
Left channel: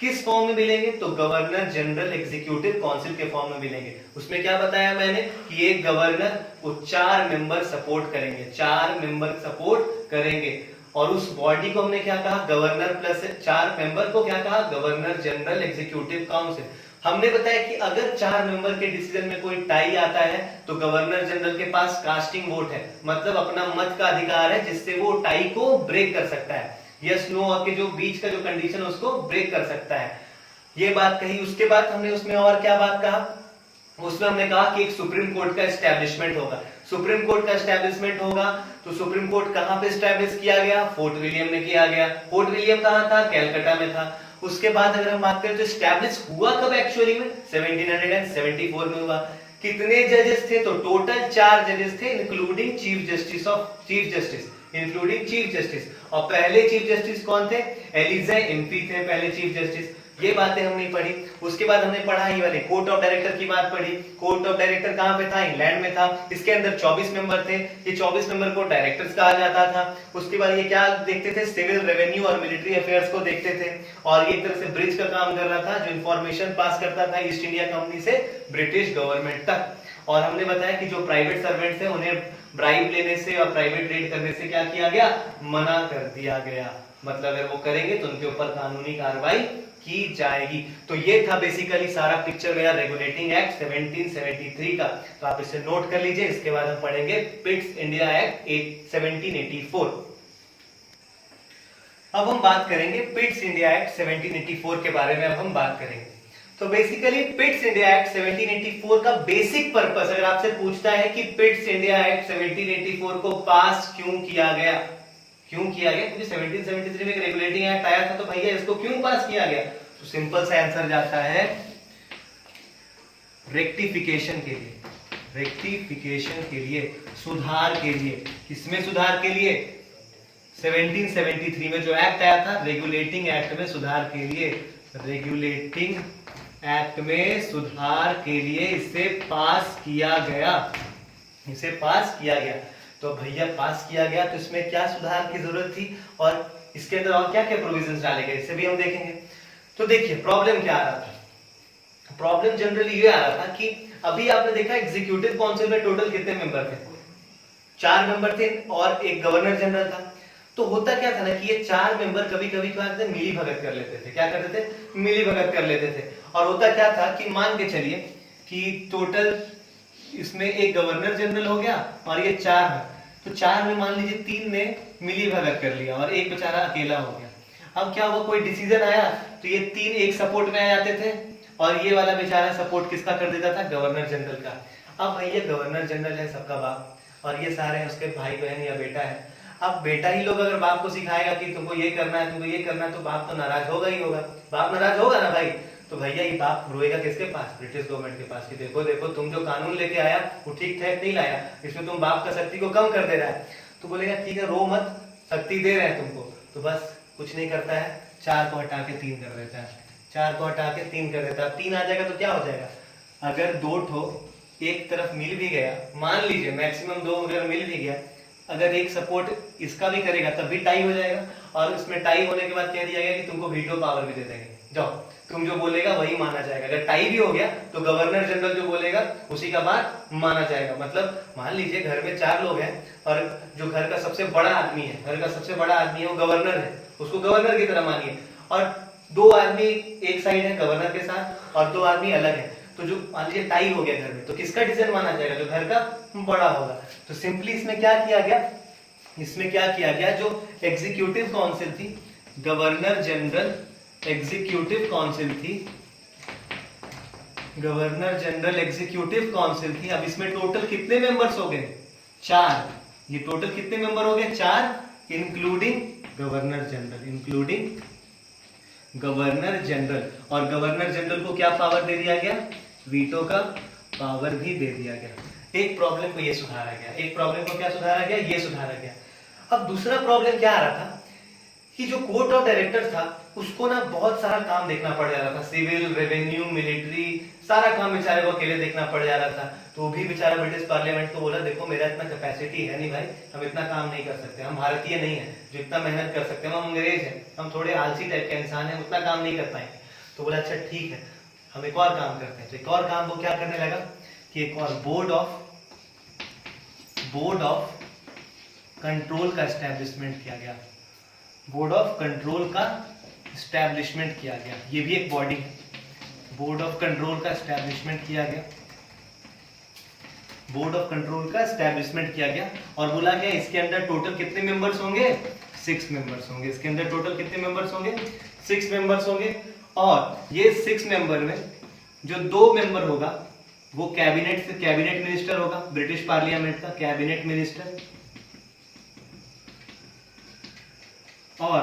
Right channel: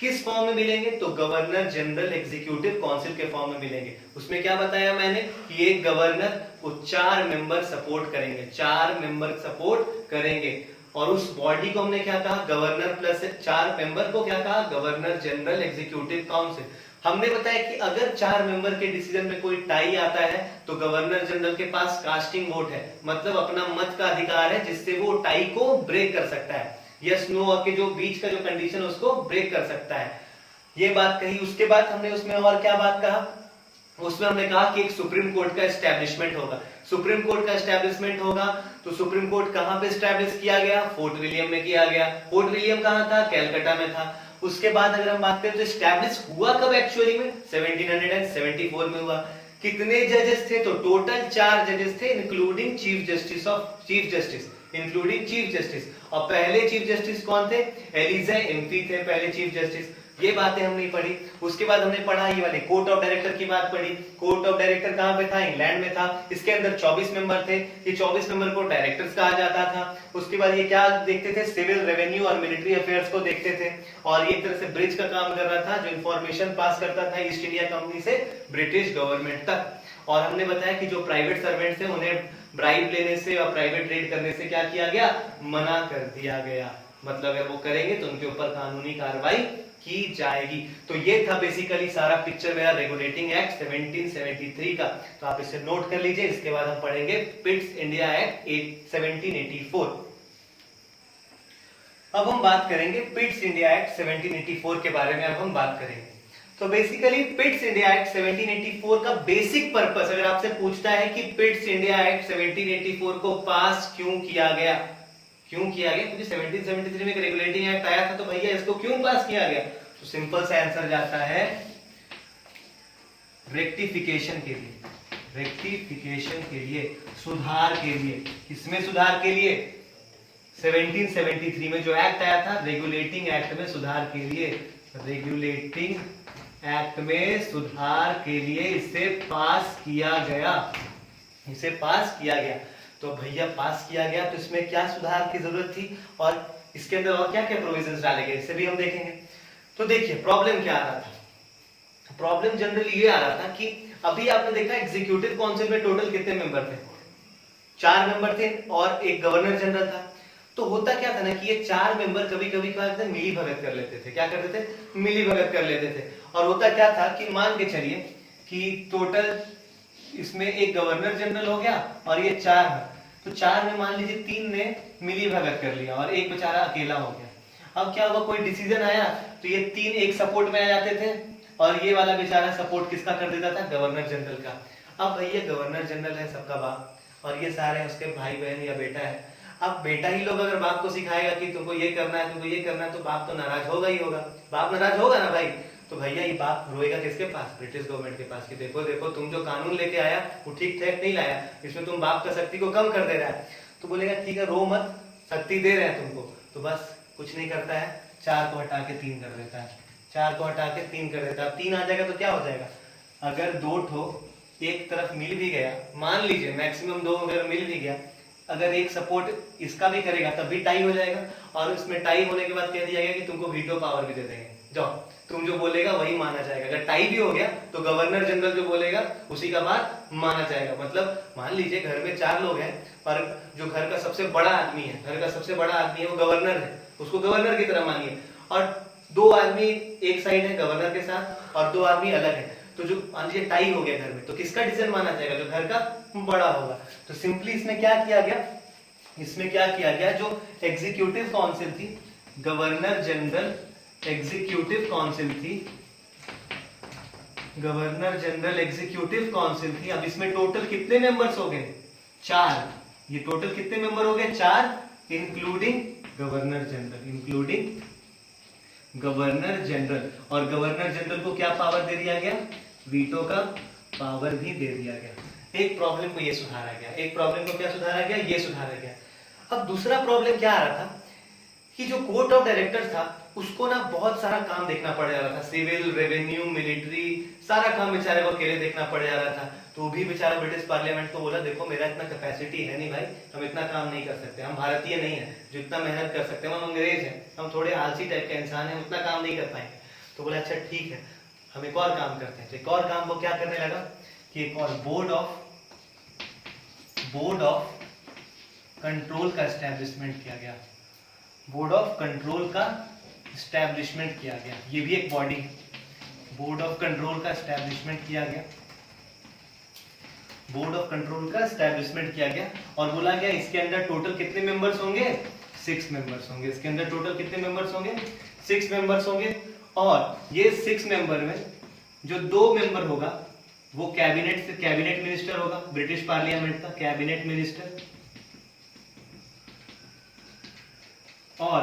किस फॉर्म में मिलेंगे? तो गवर्नर जनरल एग्जीक्यूटिव काउंसिल के फॉर्म में मिलेंगे। उसमें क्या बताया मैंने कि एक गवर्नर को 4 मेंबर सपोर्ट करेंगे, 4 मेंबर सपोर्ट करेंगे। और उस बॉडी को हमने क्या कहा? गवर्नर प्लस 4 मेंबर को क्या कहा? Governor general executive council. हमने बताया कि अगर 4 मेंबर के डिसीजन में कोई टाई आता है तो गवर्नर जनरल के पास कास्टिंग वोट है, मतलब अपना मत का अधिकार है जिससे वो टाई को ब्रेक कर सकता है। यस नो के जो बीच का जो कंडीशन है उसको ब्रेक कर सकता है। ये बात कही। उसके बाद हमने उसमें और क्या बात कहा? उसमें हमने कहा कि एक सुप्रीम कोर्ट का एस्टेब्लिशमेंट होगा। सुप्रीम कोर्ट का एस्टेब्लिशमेंट होगा तो सुप्रीम कोर्ट कहां पे एस्टेब्लिश किया गया? फोर्ट विलियम में किया गया। फोर्ट विलियम कहां था? कैलकाटा में था। उसके बाद अगर हम बात करें तो एस्टेब्लिश हुआ कब एक्चुअली में? 1774 में हुआ। कितने जजेस थे? तो टोटल 4 जजेस थे, इंक्लूडिंग चीफ जस्टिस। और पहले चीफ जस्टिस कौन थे? एलिजा इम्फी थे पहले चीफ जस्टिस। ये बातें हमने पढ़ी। उसके बाद हमने पढ़ा ये वाले कोर्ट ऑफ डायरेक्टर की बात पढ़ी। कोर्ट ऑफ डायरेक्टर कहां पे था? इंग्लैंड में था। इसके अंदर 24 मेंबर थे। ये 24 मेंबर को डायरेक्टर्स कहा जाता था। उसके बाद ये क्या देखते थे? सिविल, रेवेन्यू और मिलिट्री अफेयर्स को देखते थे। और ये एक तरह से ब्रिज का काम कर रहा था, जो इंफॉर्मेशन पास करता था ईस्ट इंडिया कंपनी से ब्रिटिश गवर्नमेंट तक। और हमने बताया कि जो प्राइवेट सर्वेंट्स थे उन्हें ब्राइब लेने से और प्राइवेट ट्रेड करने से क्या किया गया? मना कर दिया गया। मतलब अगर वो करेंगे तो उनके ऊपर कानूनी कार्रवाई की जाएगी। तो ये था बेसिकली सारा पिक्चर मेरा रेगुलेटिंग एक्ट 1773 का। तो आप इसे नोट कर लीजिए। इसके बाद हम पढ़ेंगे पिट्स इंडिया एक्ट 1784। अब हम बात करेंगे पिट्स इंडिया एक्ट 1784 के बारे में। अब हम बात करेंगे तो बेसिकली पिट्स इंडिया एक्ट 1784 का बेसिक पर्पस अगर आपसे पूछता है कि पिट्स इंडिया एक्ट 1784 को पास क्यों किया गया? क्योंकि 1773 में एक रेगुलेटिंग एक्ट आया था, तो भैया इसको क्यों पास किया गया? तो सिंपल सा आंसर जाता है रेक्टिफिकेशन के लिए। रेक्टिफिकेशन के लिए, सुधार के लिए। किसमें सुधार के लिए? 1773 में जो एक्ट आया था रेगुलेटिंग एक्ट में सुधार के लिए। रेगुलेटिंग एक्ट में सुधार के लिए इसे पास किया गया। इसे पास किया गया। तो भैया पास किया गया तो इसमें क्या सुधार की जरूरत थी और इसके अंदर और क्या क्या प्रोविजंस डाले गए, इसे भी हम देखेंगे। तो देखिए प्रॉब्लम क्या आ रहा था। प्रॉब्लम जनरली ये आ रहा था कि अभी आपने देखा एग्जीक्यूटिव काउंसिल में टोटल कितने मेंबर थे? 4 मेंबर थे और एक गवर्नर जनरल था। तो होता क्या था ना कि ये 4 मेंबर कभी कभी क्या करते? मिली भगत कर लेते थे। क्या करते थे? मिली भगत कर लेते थे। और होता क्या था कि मान के चलिए कि टोटल इसमें एक गवर्नर जनरल हो गया और ये 4 है, तो 4 में मान लीजिए 3 ने मिली भगत कर लिया और एक बेचारा अकेला हो गया। अब क्या हुआ? कोई डिसीजन आया तो ये 3 एक सपोर्ट में आ जाते थे और ये वाला बेचारा सपोर्ट किसका कर देता था? गवर्नर जनरल का। अब भैया गवर्नर जनरल है सबका बाप और ये सारे उसके भाई बहन या बेटा है। अब बेटा ही लोग अगर बाप को सिखाएगा कि तुमको ये करना है, तुमको ये करना है, तो बाप तो नाराज होगा ही होगा। बाप नाराज होगा ना भाई। तो भैया ये बाप रोएगा किसके पास? ब्रिटिश गवर्नमेंट के पास कि देखो देखो तुम जो कानून लेके आया वो ठीक ठाक नहीं लाया, इसमें तुम बाप का शक्ति को कम कर दे रहा है। तो बोलेगा ठीक है रो मत, शक्ति दे रहे हैं तुमको। तो बस कुछ नहीं करता है, 4 को हटा के 3 कर देता है। 4 को हटा के 3 कर देता है। 3 आ जाएगा तो क्या हो जाएगा? अगर 2 ठो एक तरफ मिल भी गया, मान लीजिए मैक्सिमम 2 अगर मिल भी गया, अगर एक सपोर्ट इसका भी करेगा तब भी टाई हो जाएगा। और उसमें टाई होने के बाद कह दिया गया कि तुमको वीटो पावर भी दे देंगे, जाओ तुम जो बोलेगा वही माना जाएगा। अगर टाई भी हो गया तो गवर्नर जनरल जो बोलेगा उसी का बात माना जाएगा। मतलब मान लीजिए घर में 4 लोग हैं और जो घर का सबसे बड़ा आदमी है, घर का सबसे बड़ा आदमी है वो गवर्नर है, उसको गवर्नर की तरह मानिए। और 2 आदमी एक साइड है गवर्नर के साथ और 2 आदमी अलग है। तो जो मान लीजिए टाई हो गया घर में, तो किसका डिसीजन माना जाएगा? जो घर का बड़ा होगा। तो सिंपली इसमें क्या किया गया? इसमें क्या किया गया? जो एग्जीक्यूटिव काउंसिल थी, गवर्नर जनरल एग्जीक्यूटिव काउंसिल थी, गवर्नर जनरल एग्जीक्यूटिव काउंसिल थी। अब इसमें टोटल कितने मेंबर्स हो गए? 4। ये टोटल कितने मेंबर हो गए? 4 including governor general, including governor general. और गवर्नर जनरल को क्या पावर दे दिया गया? वीटो का पावर भी दे दिया गया। एक प्रॉब्लम को ये सुधारा गया। एक प्रॉब्लम को क्या सुधारा गया? ये सुधारा गया। अब दूसरा प्रॉब्लम क्या आ रहा था कि जो कोर्ट ऑफ डायरेक्टर था उसको ना बहुत सारा काम देखना पड़ जा रहा था। सिविल, रेवेन्यू, मिलिट्री, सारा काम बेचारे को अकेले देखना पड़ जा रहा था। तो वो भी बेचारा ब्रिटिश पार्लियामेंट को बोला देखो मेरा इतना कैपेसिटी है नहीं भाई, हम इतना काम नहीं कर सकते, हम भारतीय नहीं है जो इतना मेहनत कर सकते हैं, हम अंग्रेज हैं, हम थोड़े आलसी टाइप के इंसान हैं, उतना काम नहीं कर पाएंगे। तो बोला अच्छा ठीक है, हम एक और काम करते हैं। तो एक और काम वो क्या करने लगा कि एक और बोर्ड ऑफ कंट्रोल का एस्टेब्लिशमेंट किया गया। बोर्ड ऑफ कंट्रोल का एस्टेब्लिशमेंट किया गया, ये भी एक बॉडी है। बोर्ड ऑफ कंट्रोल का एस्टेब्लिशमेंट किया गया, बोर्ड ऑफ कंट्रोल का एस्टेब्लिशमेंट किया गया और बोला गया इसके अंदर टोटल कितने मेंबर्स होंगे, 6 मेंबर्स होंगे। इसके अंदर टोटल कितने मेंबर्स होंगे, 6 मेंबर्स होंगे। और ये 6 मेंबर में जो 2 मेंबर होगा वो कैबिनेट मिनिस्टर होगा, ब्रिटिश पार्लियामेंट का कैबिनेट मिनिस्टर। और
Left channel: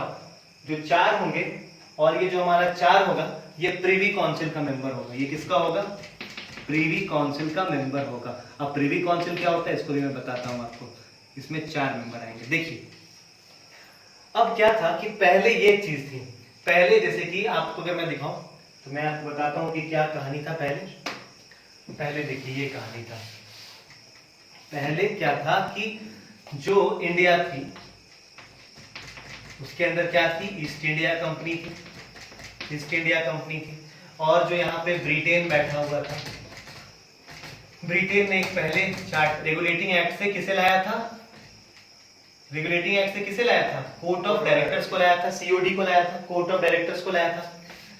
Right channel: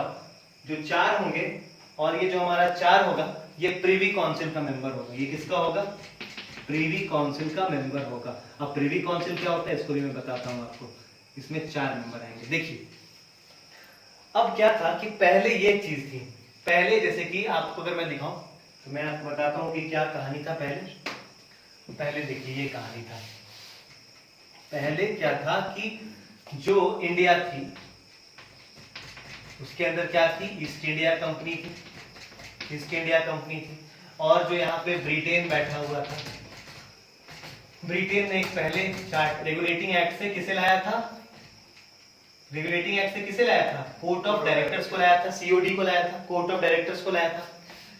जो 4 होंगे, और ये जो हमारा 4 होगा ये प्रीवी काउंसिल का मेंबर होगा। ये किसका होगा, प्रीवी काउंसिल का मेंबर होगा। अब प्रीवी काउंसिल क्या होता है इसको भी मैं बताता हूं आपको। इसमें 4 मेंबर आएंगे। देखिए अब क्या था कि पहले ये चीज थी, पहले जैसे कि आपको अगर मैं दिखाऊं तो मैं आपको बताता हूं कि क्या कहानी था पहले देखिए ये कहानी था। पहले क्या था कि जो इंडिया थी उसके अंदर क्या थी, ईस्ट इंडिया कंपनी थी। और जो यहाँ पे ब्रिटेन बैठा हुआ था, ब्रिटेन ने एक पहले रेगुलेटिंग एक्ट से किसे लाया था, कोर्ट ऑफ डायरेक्टर्स को लाया था, सीओडी को लाया था, कोर्ट ऑफ डायरेक्टर्स को लाया था।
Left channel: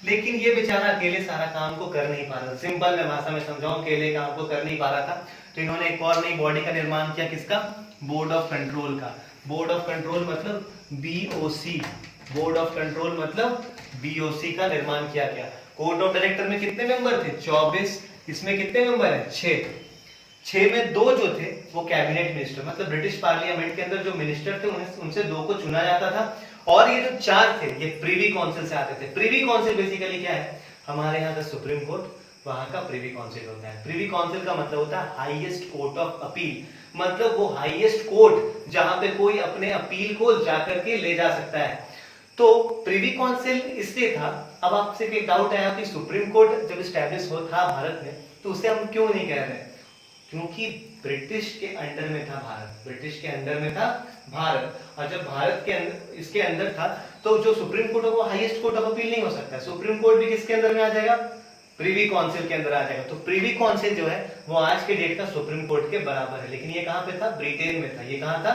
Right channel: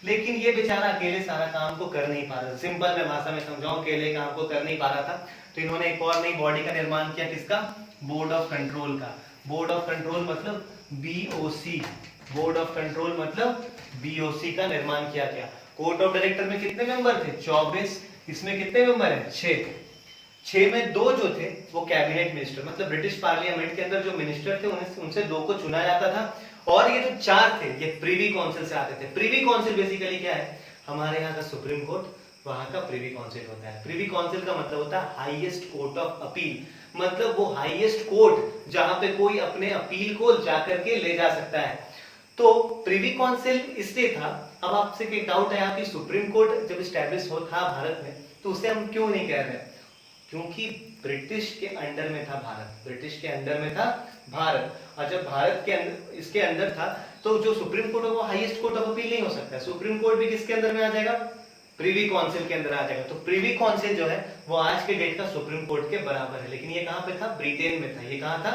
लेकिन ये बेचारा अकेले सारा काम को कर नहीं पा रहा, सिंपल मैं भाषा में समझाऊं, अकेले काम को कर नहीं पा रहा था। तो इन्होंने एक और नई बॉडी का निर्माण किया, किसका, बोर्ड ऑफ कंट्रोल का। बोर्ड ऑफ कंट्रोल मतलब बीओसी, बोर्ड ऑफ कंट्रोल मतलब बीओसी का निर्माण किया गया। कोर्ट ऑफ डायरेक्टर में कितने मेंबर थे, 24। इसमें कितने मेंबर हैं, 6 में 2 जो थे वो कैबिनेट मिनिस्टर, मतलब ब्रिटिश पार्लियामेंट के अंदर जो मिनिस्टर थे उनसे 2 को चुना जाता था। और ये जो 4 थे ये प्रीवी काउंसिल से आते थे। प्रीवी काउंसिल बेसिकली क्या है, हमारे यहाँ का सुप्रीम कोर्ट, वहां का प्रीवी काउंसिल होता है। प्रीवी काउंसिल का मतलब होता है हाईएस्ट कोर्ट ऑफ अपील, मतलब वो हाईएस्ट कोर्ट जहां पे कोई अपने अपील को जाकर के ले जा सकता है। तो प्रीवी काउंसिल इसलिए था। अब आपसे एक डाउट है यहाँ, सुप्रीम कोर्ट जब स्टैब्लिश हो था भारत में तो उसे हम क्यों नहीं कह रहे, क्योंकि ब्रिटिश के अंडर में था भारत, और जब भारत के अंदर इसके अंदर था तो जो सुप्रीम कोर्ट है वो हाईएस्ट कोर्ट ऑफ अपील नहीं हो सकता। सुप्रीम कोर्ट भी किसके अंदर में आ जाएगा, प्रीवी काउंसिल के अंदर आ जाएगा। तो प्रीवी काउंसिल जो है वो आज के डेट का सुप्रीम कोर्ट के बराबर है। लेकिन ये कहां पे था, ब्रिटेन में था। ये कहां था,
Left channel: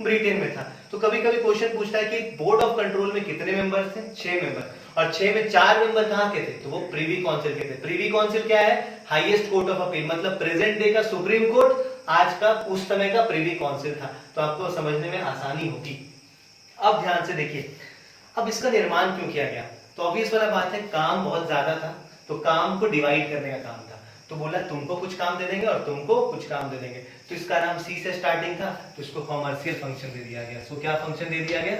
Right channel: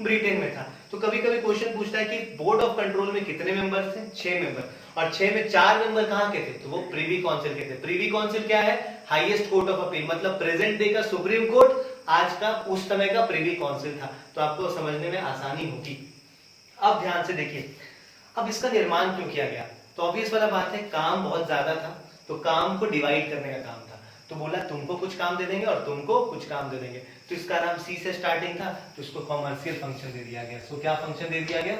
ब्रिटेन में था। तो कभी कभी क्वेश्चन पूछता है कि बोर्ड ऑफ कंट्रोल में कितने मेंबर थे, 6 मेंबर, और 6 में 4 मेंबर कहां के थे, तो वो प्रीवी काउंसिल के थे। प्रीवी काउंसिल क्या है, हाईएस्ट कोर्ट ऑफ अपील, मतलब प्रेजेंट डे का सुप्रीम कोर्ट आज का उस समय का प्रीवी काउंसिल था। तो आपको समझने में आसानी होगी। अब ध्यान से देखिए, अब इसका निर्माण क्यों किया गया, तो ऑब्वियस वाला बात है, काम बहुत ज्यादा था तो काम को डिवाइड करने का काम था। तो बोला तुमको कुछ काम दे देंगे और तुमको कुछ काम दे देंगे। तो इसका नाम सी से स्टार्टिंग था, तो इसको कॉमर्शियल फंक्शन दे दिया गया। तो क्या फंक्शन दे दिया गया,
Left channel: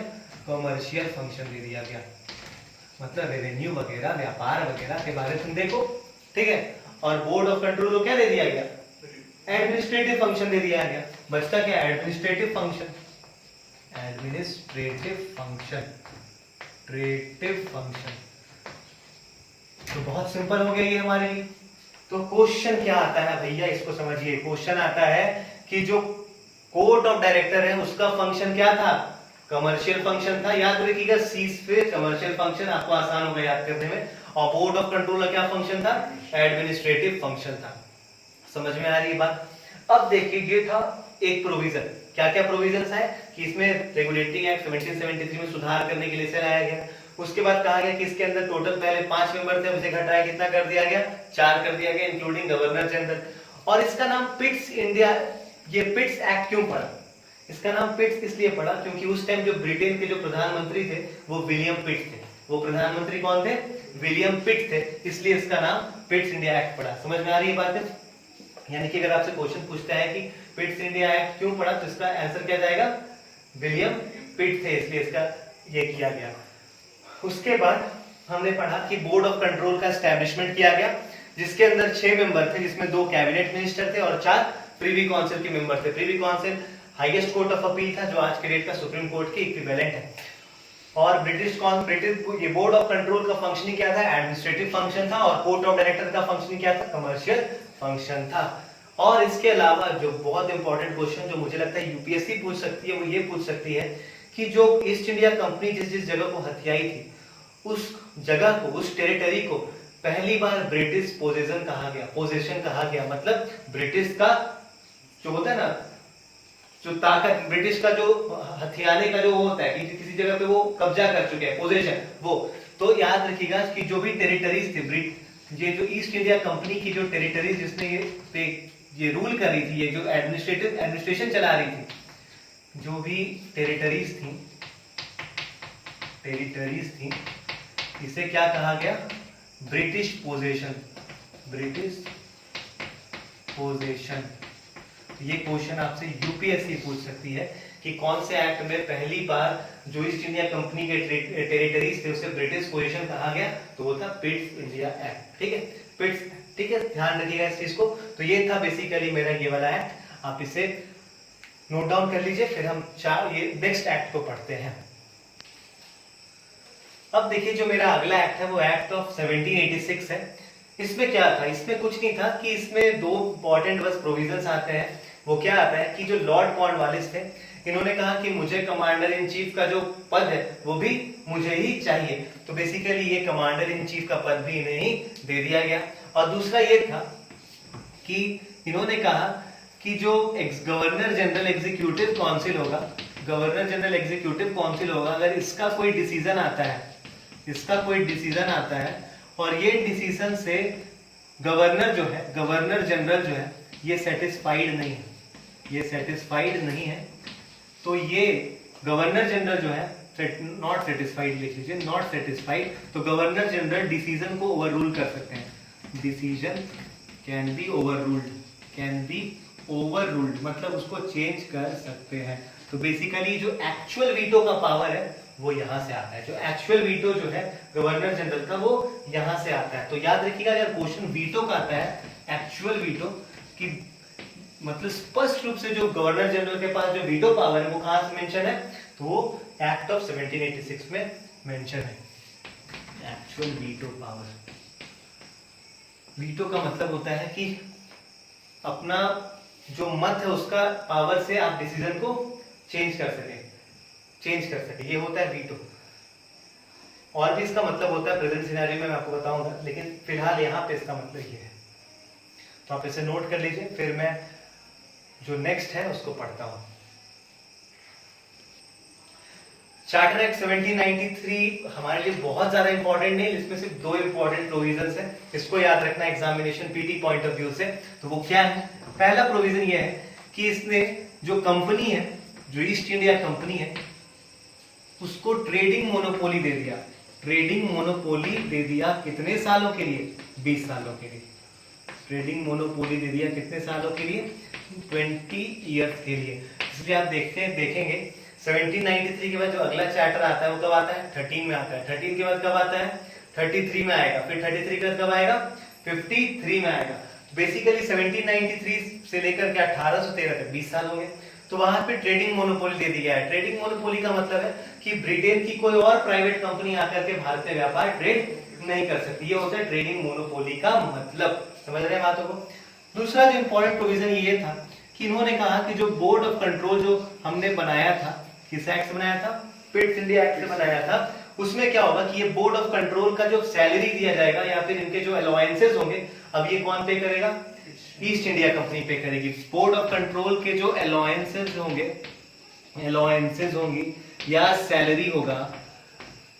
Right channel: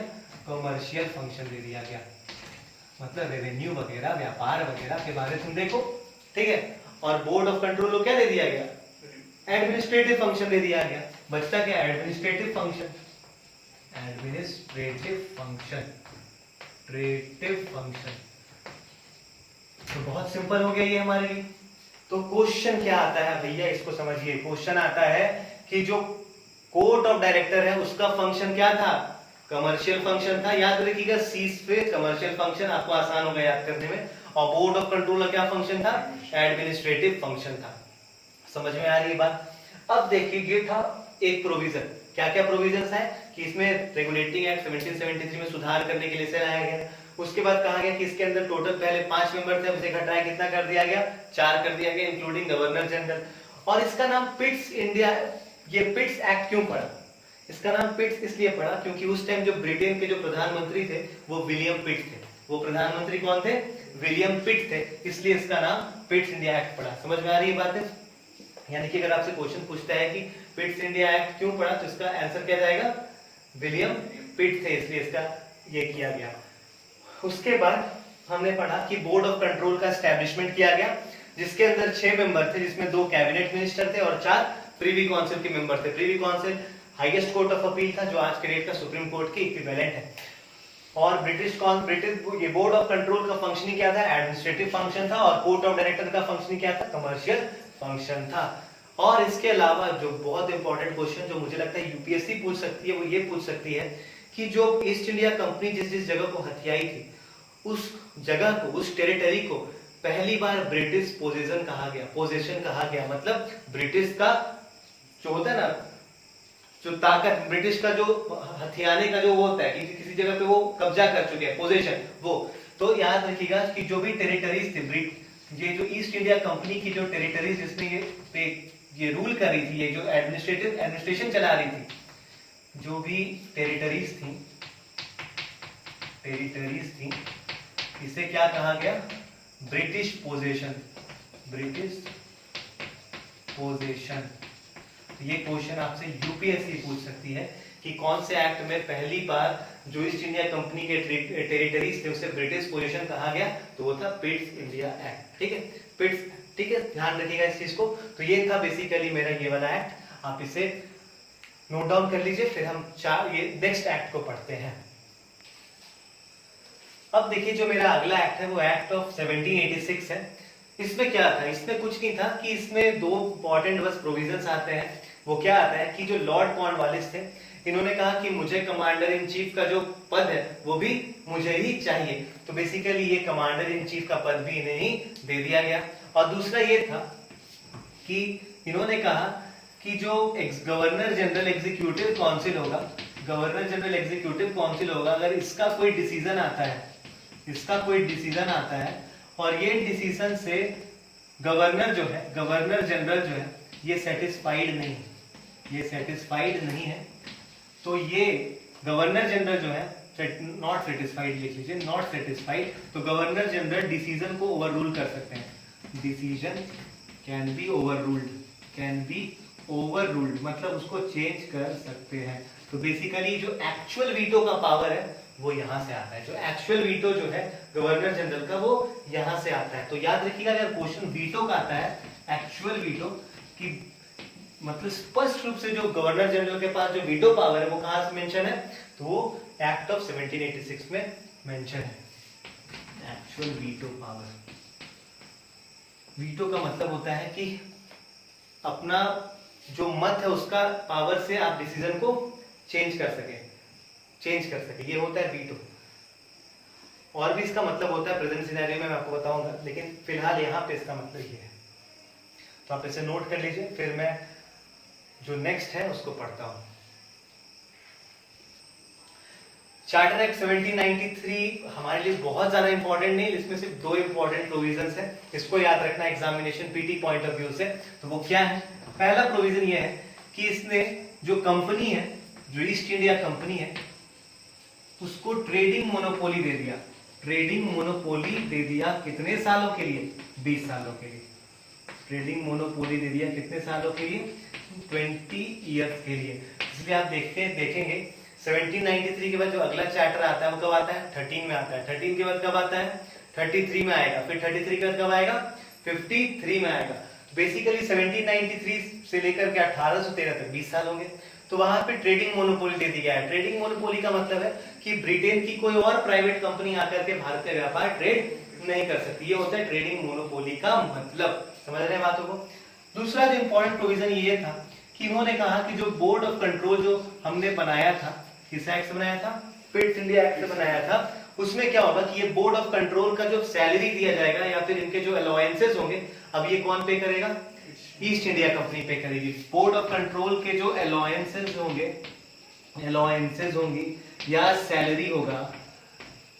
कॉमर्शियल फंक्शन दे दिया गया, मतलब रेवेन्यू वगैरह, व्यापार वगैरह के बारे में तुम देखो, ठीक है। और बोर्ड ऑफ कंट्रोल को क्या दे दिया गया, एडमिनिस्ट्रेटिव फंक्शन दे दिया गया। बचता क्या, एडमिनिस्ट्रेटिव फंक्शन, तो बहुत सिंपल हो गया ये हमारे लिए। तो क्वेश्चन क्या आता है भैया, इसको समझिए। क्वेश्चन आता है कि जो कोर्ट ऑफ डायरेक्टर है उसका फंक्शन क्या था, कमर्शियल फंक्शन था। याद रखिएगा, सी पे कमर्शियल फंक्शन, आपको आसान होगा याद करने में। और बोर्ड ऑफ कंट्रोल का क्या फंक्शन था, एडमिनिस्ट्रेटिव फंक्शन था। समझ में आ रही है बात। अब देखिए, ये था एक प्रोविजन। क्या क्या प्रोविजन है कि इसमें रेगुलेटिंग एक्ट 1773 में सुधार करने के लिए लाया गया। उसके बाद कहा गया कि इसके अंदर टोटल पहले 5 मेंबर थे, उसे घटाया कितना कर दिया गया, 4 कर दिया गया, इंक्लूडिंग गवर्नर जनरल। और इसका नाम पिट्स इंडिया, ये पिट्स एक्ट क्यों पड़ा, इसका नाम पिट्स इसलिए पड़ा क्योंकि उस टाइम जो ब्रिटेन के जो प्रधानमंत्री थे वो विलियम पिट थे। वो प्रधानमंत्री कौन थे, विलियम पिट थे, इसलिए इसका नाम पिट्स इंडिया एक्ट पड़ा। समझ में आ रही है बात है। यानी कि अगर आपसे क्वेश्चन पूछता है कि पिट्स इंडिया एक्ट क्यों पड़ा, तो इसका आंसर क्या जाएगा, विलियम पिट थे, इसलिए इसका ये किया गया। उसके बाद हमने पढ़ा कि बोर्ड ऑफ कंट्रोल का एस्टैब्लिशमेंट किया गया, जिसके अंदर 6 मेंबर थे, जिसमें 2 कैबिनेट मिनिस्टर थे और 4 प्रीवी काउंसिल के मेंबर थे। Privi council highest court of appeal था, जो आज के डेट का सुप्रीम कोर्ट की इक्विवेलेंट है। और ब्रिटिश ये बोर्ड ऑफ कंट्रोल का फंक्शन क्या था, एडमिनिस्ट्रेटिव फंक्शन था। और कोर्ट ऑफ डायरेक्टर का फंक्शन क्या था, कमर्शियल फंक्शन था। और इसके अलावा जो बहुत इंपॉर्टेंट क्वेश्चन जो मुझे लगता है यूपीएससी पूछ सकती है, वो ये पूछ सकती है कि जो ईस्ट इंडिया कंपनी जिस जिस जगह को हथियाई थी, जगह को, उस टेरिटरी को पहली बार ब्रिटिश पोजीशन कहा गया, पोजीशन कहा गया, मतलब ब्रिटिश का जो होता है ना, जो ताकत, ब्रिटिश का जो हथियाने का जो वो होता है कि किसी जगह पे वो कब्जा कर चुके हैं, पोजीशन वो। तो याद रखिएगा कि जो भी टेरिटरीज थी, ये जो ईस्ट इंडिया कंपनी की जो टेरिटरीज जिसने ये रूल कर रही थी, ये जो एडमिनिस्ट्रेशन चला रही थी, जो भी टेरिटरीज थी, इसे क्या कहा गया, ब्रिटिश पोजीशन, ब्रिटिश पोजीशन। ये क्वेश्चन आपसे यूपीएससी पूछ सकती है कि कौन से एक्ट में पहली बार जो ईस्ट इंडिया कंपनी के टेरिटरीज थे उसे ब्रिटिश पोजीशन कहा गया, तो वो था पिट्स इंडिया एक्ट। ठीक है, पिट्स, ठीक है, ध्यान रखिएगा इस चीज को। तो ये था बेसिकली मेरा ये वाला एक्ट, आप इसे नोट डाउन कर लीजिए, फिर हम ये नेक्स्ट एक्ट को पढ़ते हैं। अब देखिए जो मेरा अगला एक्ट है वो एक्ट ऑफ 1786 है। इसमें क्या था, इसमें कुछ नहीं था कि इसमें दो इंपॉर्टेंट बस प्रोविजंस आते हैं। वो क्या आता है कि जो लॉर्ड कॉर्नवालिस थे, इन्होंने कहा कि मुझे कमांडर इन चीफ का जो पद है वो भी मुझे ही चाहिए, तो बेसिकली ये कमांडर इन चीफ का पद भी इन्हें ही दे दिया गया। और दूसरा ये था कि इन्होंने कहा कि जो गवर्नर जनरल एग्जीक्यूटिव काउंसिल होगा, गवर्नर जनरल एग्जीक्यूटिव काउंसिल होगा, अगर इसका कोई डिसीजन आता है, इसका कोई डिसीजन आता है और ये डिसीजन से गवर्नर जो है, गवर्नर जनरल जो है, ये सेटिस्फाइड नहीं है, ये सेटिस्फाइड नहीं है, तो ये गवर्नर जनरल जो है नॉट सेटिस्फाइड, लिख लीजिए नॉट सेटिस्फाइड, तो गवर्नर जनरल डिसीजन को ओवर रूल कर सकते हैं। Decision can be over ruled, can be over ruled, मतलब उसको चेंज कर सकते हैं। तो बेसिकली जो एक्चुअल वीटो का पावर है वो यहां से आता है, जो एक्चुअल वीटो जो है गवर्नर जनरल का वो यहां से आता है। तो याद रखिएगा अगर क्वेश्चन वीटो का आता है, एक्चुअल वीटो की मतलब स्पष्ट रूप से जो गवर्नर जनरल के पास जो वीटो पावर है वो कहां से मेंशन है, तो वो एक्ट ऑफ 1786 में मेंशन है, एक्चुअल वीटो पावर। वीटो का मतलब होता है कि अपना जो मत है उसका पावर से आप डिसीजन को चेंज कर सके, ये होता है वीटो। और भी इसका मतलब होता है प्रेजेंट सिनेरियो में मैं आपको बताऊंगा, लेकिन फिलहाल यहाँ पे इसका मतलब ये है, तो आप इसे नोट कर लीजिए, फिर मैं जो नेक्स्ट है उसको पढ़ता हूं। चार्टर एक्ट 1793 हमारे लिए बहुत ज्यादा इंपॉर्टेंट नहीं, इसमें सिर्फ दो इंपॉर्टेंट प्रोविजंस है, इसको याद रखना examination PT point of view से। तो वो क्या है, पहला प्रोविजन ये है कि इसने जो कंपनी है, जो ईस्ट इंडिया कंपनी है, उसको ट्रेडिंग मोनोपोली दे दिया, ट्रेडिंग मोनोपोली दे दिया कितने सालों के लिए, 20 सालों के लिए। ट्रेडिंग मोनोपोली दे दिया कितने सालों के लिए, 20 ईयर्स के लिए। इसलिए आप देखेंगे 1793 के बाद जो अगला चार्टर आता है वो कब आता है, 13 में आता है, 13 के बाद कब आता है, 33 में आएगा, फिर 33 के बाद कब आएगा, 53 में आएगा। बेसिकली 1793 से लेकर के 1813 तक 20 साल होंगे। तो वहां पे ट्रेडिंग मोनोपोली दे दिया है। ट्रेडिंग मोनोपोली का मतलब है कि ब्रिटेन की कोई और प्राइवेट कंपनी आकर के भारत में व्यापार ट्रेड नहीं कर सकती, ये होता है ट्रेडिंग मोनोपोली का मतलब। समझ रहे हैं बातों को। दूसरा जो इंपॉर्टेंट प्रोविजन ये था कि इन्होंने कहा कि जो बोर्ड ऑफ कंट्रोल जो हमने बनाया था, किस एक्ट से बनाया था, पिट्स इंडिया एक्ट से बनाया था, उसमें क्या होगा कि ये बोर्ड ऑफ कंट्रोल का जो सैलरी दिया जाएगा या फिर इनके जो अलाउंसेस होंगे, अब ये कौन पे करेगा, ईस्ट इंडिया कंपनी पे करेगी। बोर्ड ऑफ कंट्रोल के जो अलाउंसेस होंगे या सैलरी होगा,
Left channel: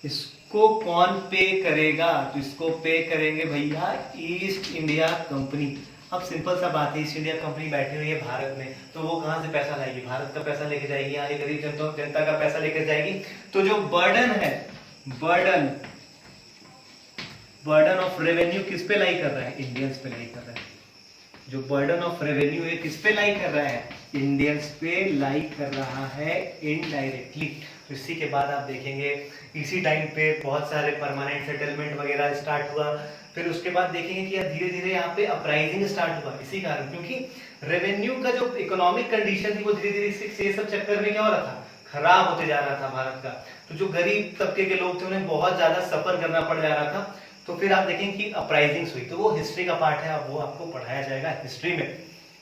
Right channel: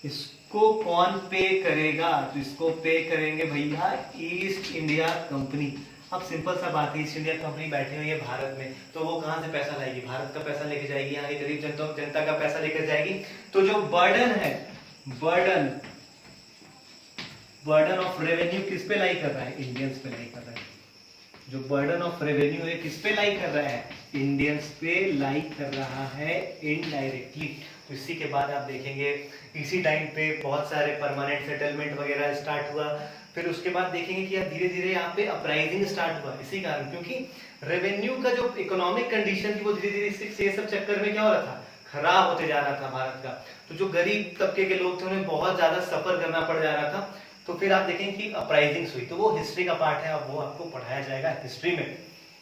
इसको कौन पे करेगा, तो इसको पे करेंगे भैया ईस्ट इंडिया कंपनी। अब सिंपल सा बात है, ईस्ट इंडिया कंपनी बैठी हुई है भारत में, तो वो कहां से पैसा लाएगी, भारत का पैसा लेके जाएगी, यहाँ की गरीब जनता का पैसा लेकर जाएगी। तो जो बर्डन है, बर्डन ऑफ रेवेन्यू किस पे लाई कर रहा है, इंडियंस पे लाई कर रहा है। जो बर्डन ऑफ रेवेन्यू है किस पे लाई कर रहा है, इंडियंस पे लाई कर रहा है इनडायरेक्टली। तो इसी के बाद आप देखेंगे इसी टाइम पे बहुत सारे परमानेंट सेटलमेंट वगैरह स्टार्ट हुआ। फिर उसके बाद देखेंगे कि धीरे धीरे यहाँ पे अपराइजिंग स्टार्ट हुआ, इसी कारण, क्योंकि रेवेन्यू का जो इकोनॉमिक कंडीशन थी वो धीरे धीरे ये सब चक्कर में क्या हो रहा था, खराब होते जा रहा था भारत का। तो जो गरीब तबके के लोग थे उन्हें बहुत ज्यादा सफर करना पड़ जा रहा था। तो फिर आप देखेंगे कि अपराइजिंग हुई, तो वो हिस्ट्री का पार्ट है, वो आपको पढ़ाया जाएगा हिस्ट्री में।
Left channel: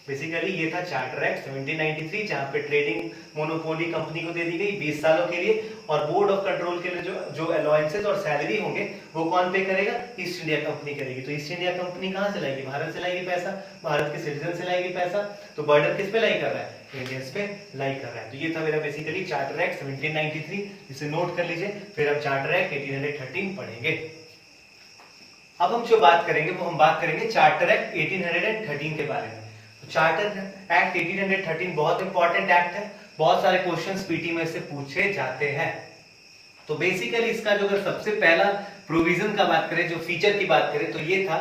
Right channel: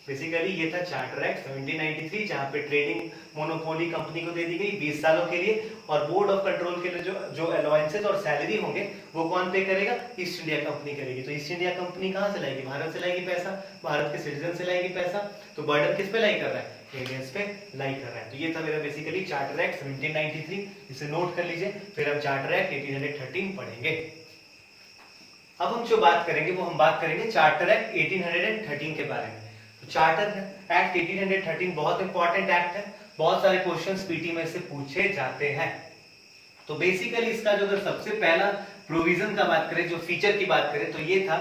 बेसिकली ये था चार्टर एक्ट 1793, जहां पे ट्रेडिंग मोनोपोली कंपनी को दे दी गई 20 सालों के लिए, और बोर्ड ऑफ कंट्रोल के लिए जो अलाउंसेस और सैलरी होंगे वो कौन पे करेगा? ईस्ट इंडिया कंपनी करेगी। तो ईस्ट इंडिया कंपनी कहां से लाएगी? भारत से लाएगी पैसा, भारत के सिटीजन से लाएगी पैसा, तो बर्डन किस पे लाई कर रहा है? इंडियंस पे लाई कर रहा है। तो ये था मेरा बेसिकली चार्टर एक्ट 1793, इसे नोट कर लीजिए, फिर अब चार्टर एक्ट 1813 पढ़ेंगे। अब हम जो बात करेंगे वो हम बात करेंगे चार्टर एक्ट 1813 के बारे में। तो चार्टर एक्ट 1813 बहुत इंपॉर्टेंट एक्ट है, बहुत सारे क्वेश्चंस पीटी में से पूछे जाते हैं। तो बेसिकली इसका जो अगर सबसे पहला प्रोविजन का बात करें, जो फीचर की बात करें, तो ये था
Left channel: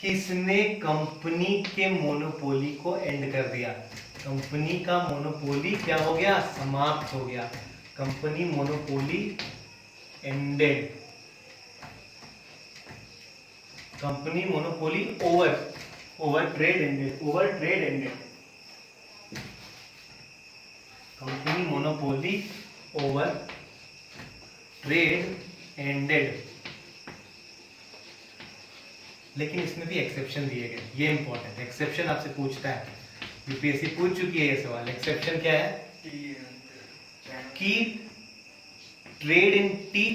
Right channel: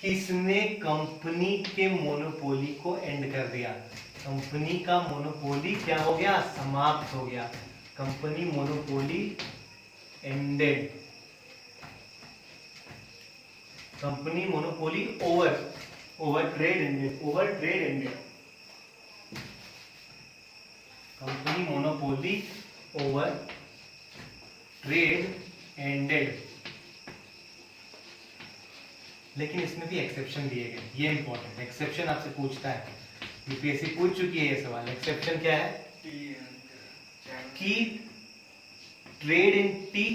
कि इसने कंपनी के मोनोपोली को एंड कर दिया। कंपनी का मोनोपोली क्या हो गया? समाप्त हो गया। Company monopoly ended. Company monopoly over trade ended. Company monopoly over trade ended. लेकिन इसमें भी एक्सेप्शन दिए गए, ये इंपॉर्टेंट एक्सेप्शन आपसे पूछता है, यूपीएससी पूछ चुकी है ये सवाल। एक्सेप्शन क्या है? कि ट्रेड इन टी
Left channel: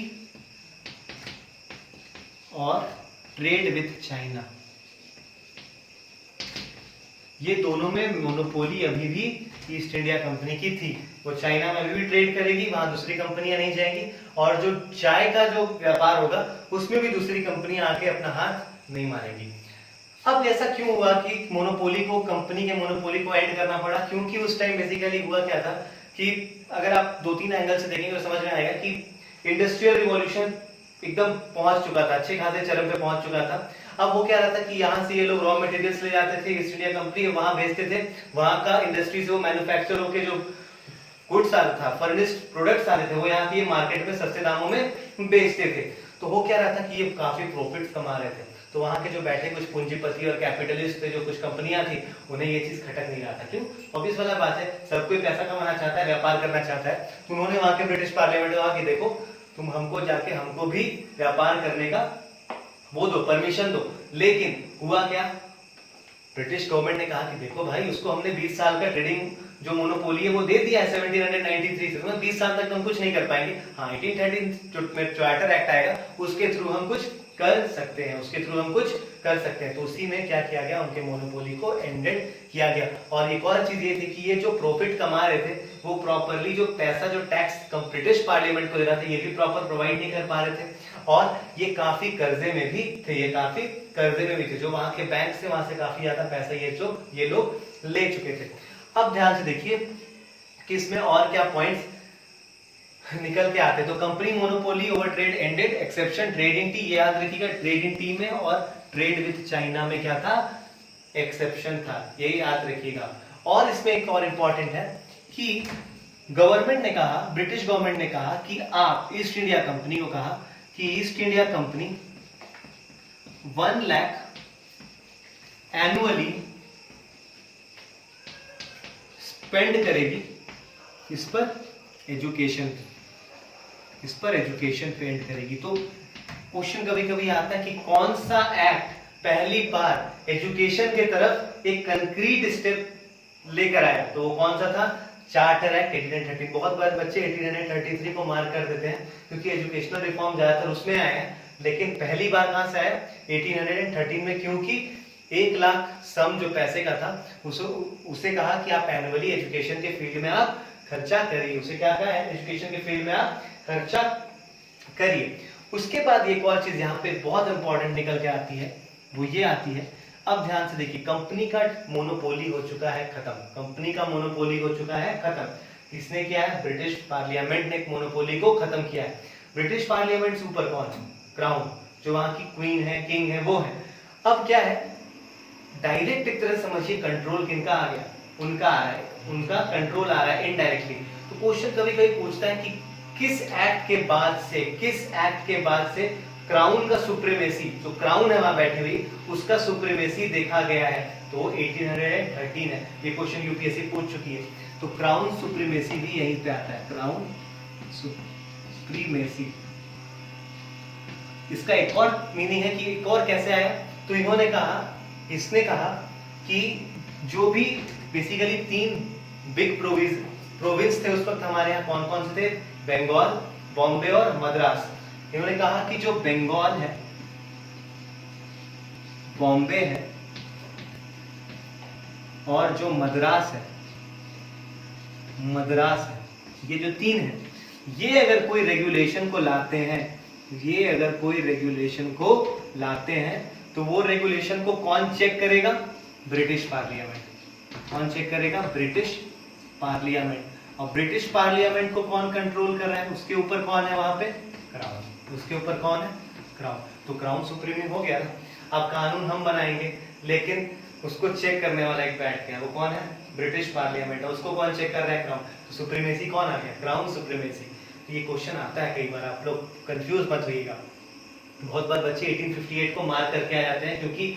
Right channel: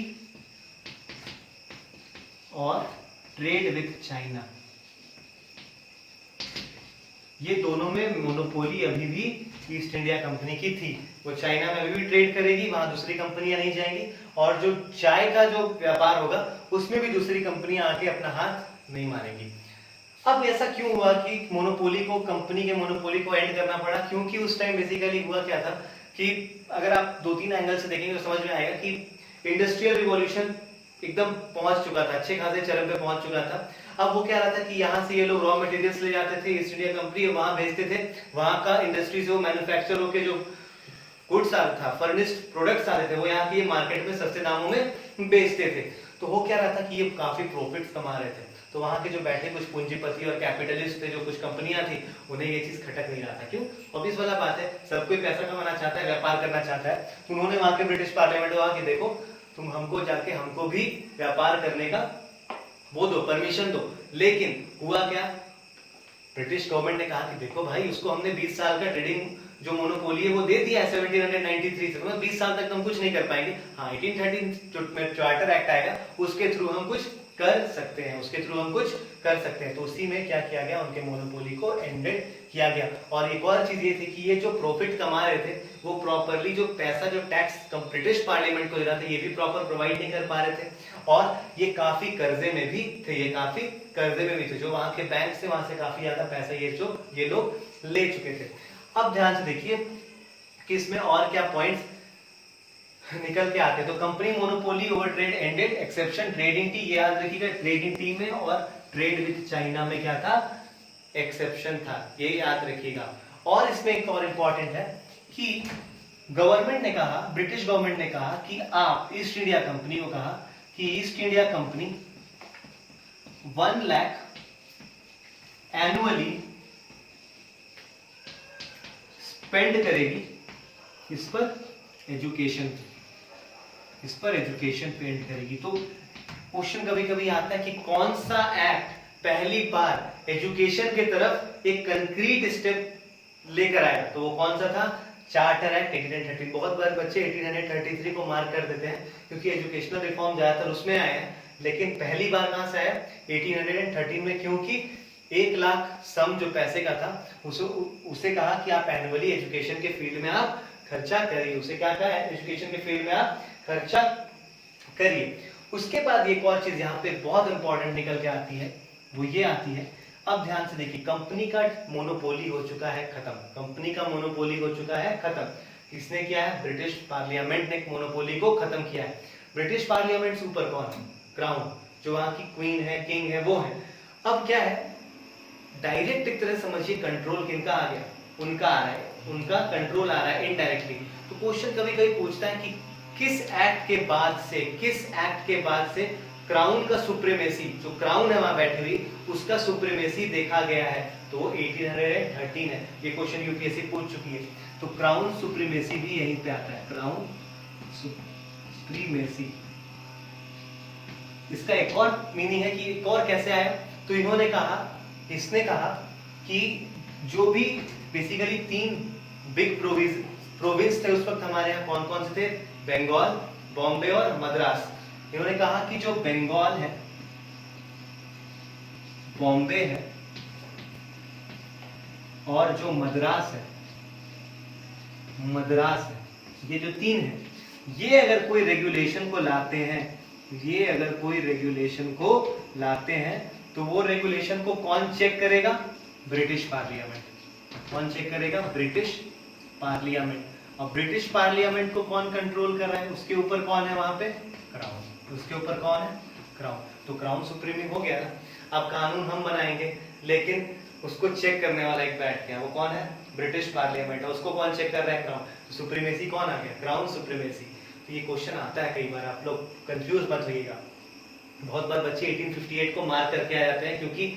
और ट्रेड विथ चाइना, ये दोनों में मोनोपोली अभी भी ईस्ट इंडिया कंपनी की थी। वो चाइना में अभी भी ट्रेड करेगी, वहां दूसरी कंपनियां नहीं जाएंगी, और जो चाय का जो व्यापार होगा उसमें भी दूसरी कंपनियां आके अपना हाथ नहीं मारेंगी। अब ऐसा क्यों हुआ कि मोनोपोली को, कंपनी के मोनोपोली को एंड करना पड़ा? क्योंकि उस टाइम बेसिकली हुआ क्या था कि अगर आप 2-3 एंगल से देखेंगे तो समझ में आएगा कि इंडस्ट्रियल रिवॉल्यूशन एकदम पहुंच चुका था, अच्छे खासे चरम पे पहुंच चुका था। अब वो क्या रहा था कि यहाँ से ये लोग रॉ मटेरियल्स ले जाते थे, ईस्ट इंडिया कंपनी वहां भेजते थे, वहां का इंडस्ट्री से वो मैन्युफैक्चर होके जो गुड्स आ रहा था, फर्निश्ड प्रोडक्ट्स आ रहे थे, वो यहाँ की मार्केट में सस्ते दामों में बेचते थे। तो वो क्या रहा था कि ये काफी प्रॉफिट्स कमा रहे थे। तो वहां के जो बैठे कुछ पूंजीपति और कैपिटलिस्ट थे, जो कुछ कंपनियां थी, उन्हें ये चीज खटक नहीं रहा था। क्यों? ऑब्वियस वाला बात है, सब कोई पैसा कमाना चाहता है, व्यापार करना चाहता है। उन्होंने वहां के ब्रिटिश पार्लियामेंट को कहा कि देखो तुम हमको जाके हमको भी व्यापार करने का वो दो, परमिशन दो। लेकिन हुआ क्या? ब्रिटिश गवर्नमेंट ने कहा कि देखो भाई, उसको हमने 20 साल का ट्रेडिंग जो मोनोपोली है वो दे दिया है 1793 से, 20 साल तक हम कुछ नहीं कर पाएंगे। हाँ, 1813 जो चार्टर एक्ट आएगा उसके थ्रू हम कुछ कर सकते हैं, उसके थ्रू हम कुछ कर सकते हैं। तो उसी में क्या किया गया? उनके मोनोपोली को एंडेड किया गया। और एक और चीज ये थी कि ये जो प्रॉफिट कमा रहे थे वो प्रॉपरली जो पैसा, जो टैक्स ब्रिटिश पार्लियामेंट को दे रहा था, ये भी प्रॉपर प्रोवाइड नहीं कर पा रहे थे, और ये काफी कर्जे में भी थे। ये काफी कर्जे में भी थे, जो वहां के बैंक से, वहां से काफी ज्यादा पैसा ये लोग ले चुके थे। अब ध्यान से देखिए कि इसमें और क्या पॉइंट्स निकल के आते। तो company monopoly over trade ended, exception trade in T, ये याद रखिएगा, ट्रेड इन टी में और ट्रेड विथ चाइना में क्या था? एक्सेप्शन था, ये याद रखिएगा। और इसमें एक और इंपॉर्टेंट है कि गवर्नमेंट ने कहा, ब्रिटिश गवर्नमेंट ने कहा कि आप ईस्ट इंडिया कंपनी को कहा कि east India company 1 lakh annually spend करेगी इस पर एजुकेशन, इस पर एजुकेशन पेंट करेगी। तो क्वेश्चन कभी कभी आता है कि कौन सा एक्ट पहली बार एजुकेशन के तरफ एक कंक्रीट स्टेप लेकर आया? तो कौन सा था? Charter act 1813। बहुत बार बच्चे 1833 को मार्क कर देते हैं क्योंकि एजुकेशनल रिफॉर्म ज्यादातर उसमें आए हैं, लेकिन पहली बार कहां से आया? 1813 में, क्योंकि 1 लाख सम जो पैसे का था उसे कहा कि आप एनुअली एजुकेशन के फील्ड में आप खर्चा करिए। उसे क्या कहा है? एजुकेशन के फील्ड में आप खर्चा करिए। उसके बाद एक और चीज यहाँ पे बहुत इंपॉर्टेंट निकल के आती है, वो ये आती है, अब ध्यान से देखिए, कंपनी का मोनोपोली हो चुका है खत्म, कंपनी का मोनोपोली हो चुका है खत्म। किसने किया है? ब्रिटिश पार्लियामेंट ने मोनोपोली को खत्म किया है। ब्रिटिश पार्लियामेंट से ऊपर कौन है? क्राउन, जो वहां की क्वीन है, किंग है, वो है। अब क्या है? डायरेक्ट एक तरह समझिए कंट्रोल किनका आ गया? उनका आ रहा है, उनका कंट्रोल आ रहा है इनडायरेक्टली। तो क्वेश्चन कभी कभी पूछता है कि किस एक्ट के बाद से क्राउन का सुप्रीमेसी, जो क्राउन है वहां बैठी हुई, उसका सुप्रीमेसी देखा गया है? तो 1813 है। ये क्वेश्चन यूपीएससी पूछ चुकी है। तो क्राउन सुप्रीमेसी भी यहीं पे आता है, क्राउन सुप्रीमेसी। इसका एक और मीनिंग है कि एक और कैसे आया? तो इन्होंने कहा, इसने कहा कि जो भी बेसिकली 3 बिग प्रोविंस थे उस वक्त हमारे यहाँ, कौन कौन से थे? बंगाल, बॉम्बे और मद्रास। इन्होंने कहा कि जो बंगाल है, बॉम्बे है और जो मद्रास है, ये जो 3 है, ये अगर कोई रेगुलेशन को लाते हैं, तो वो रेगुलेशन को कौन चेक करेगा? British parliament. कौन चेक करेगा? British parliament. और ब्रिटिश पार्लियामेंट को कौन कंट्रोल कर रहा है? उसके ऊपर कौन है वहां पे? क्राउन। उसके ऊपर कौन है? क्राउन। तो क्राउन सुप्रीम हो गया ना। अब कानून हम बनाएंगे, लेकिन उसको चेक करने वाला एक बैठते हैं, वो कौन है? British parliament. उसको कौन चेक कर रहा है? क्राउन। तो सुप्रीमेसी कौन आ गया? Crown supremacy. ये क्वेश्चन आता है कई बार, आप लोग कंफ्यूज मत होइएगा। बहुत बार बच्चे 1858 को मार करके आ जाते हैं, क्योंकि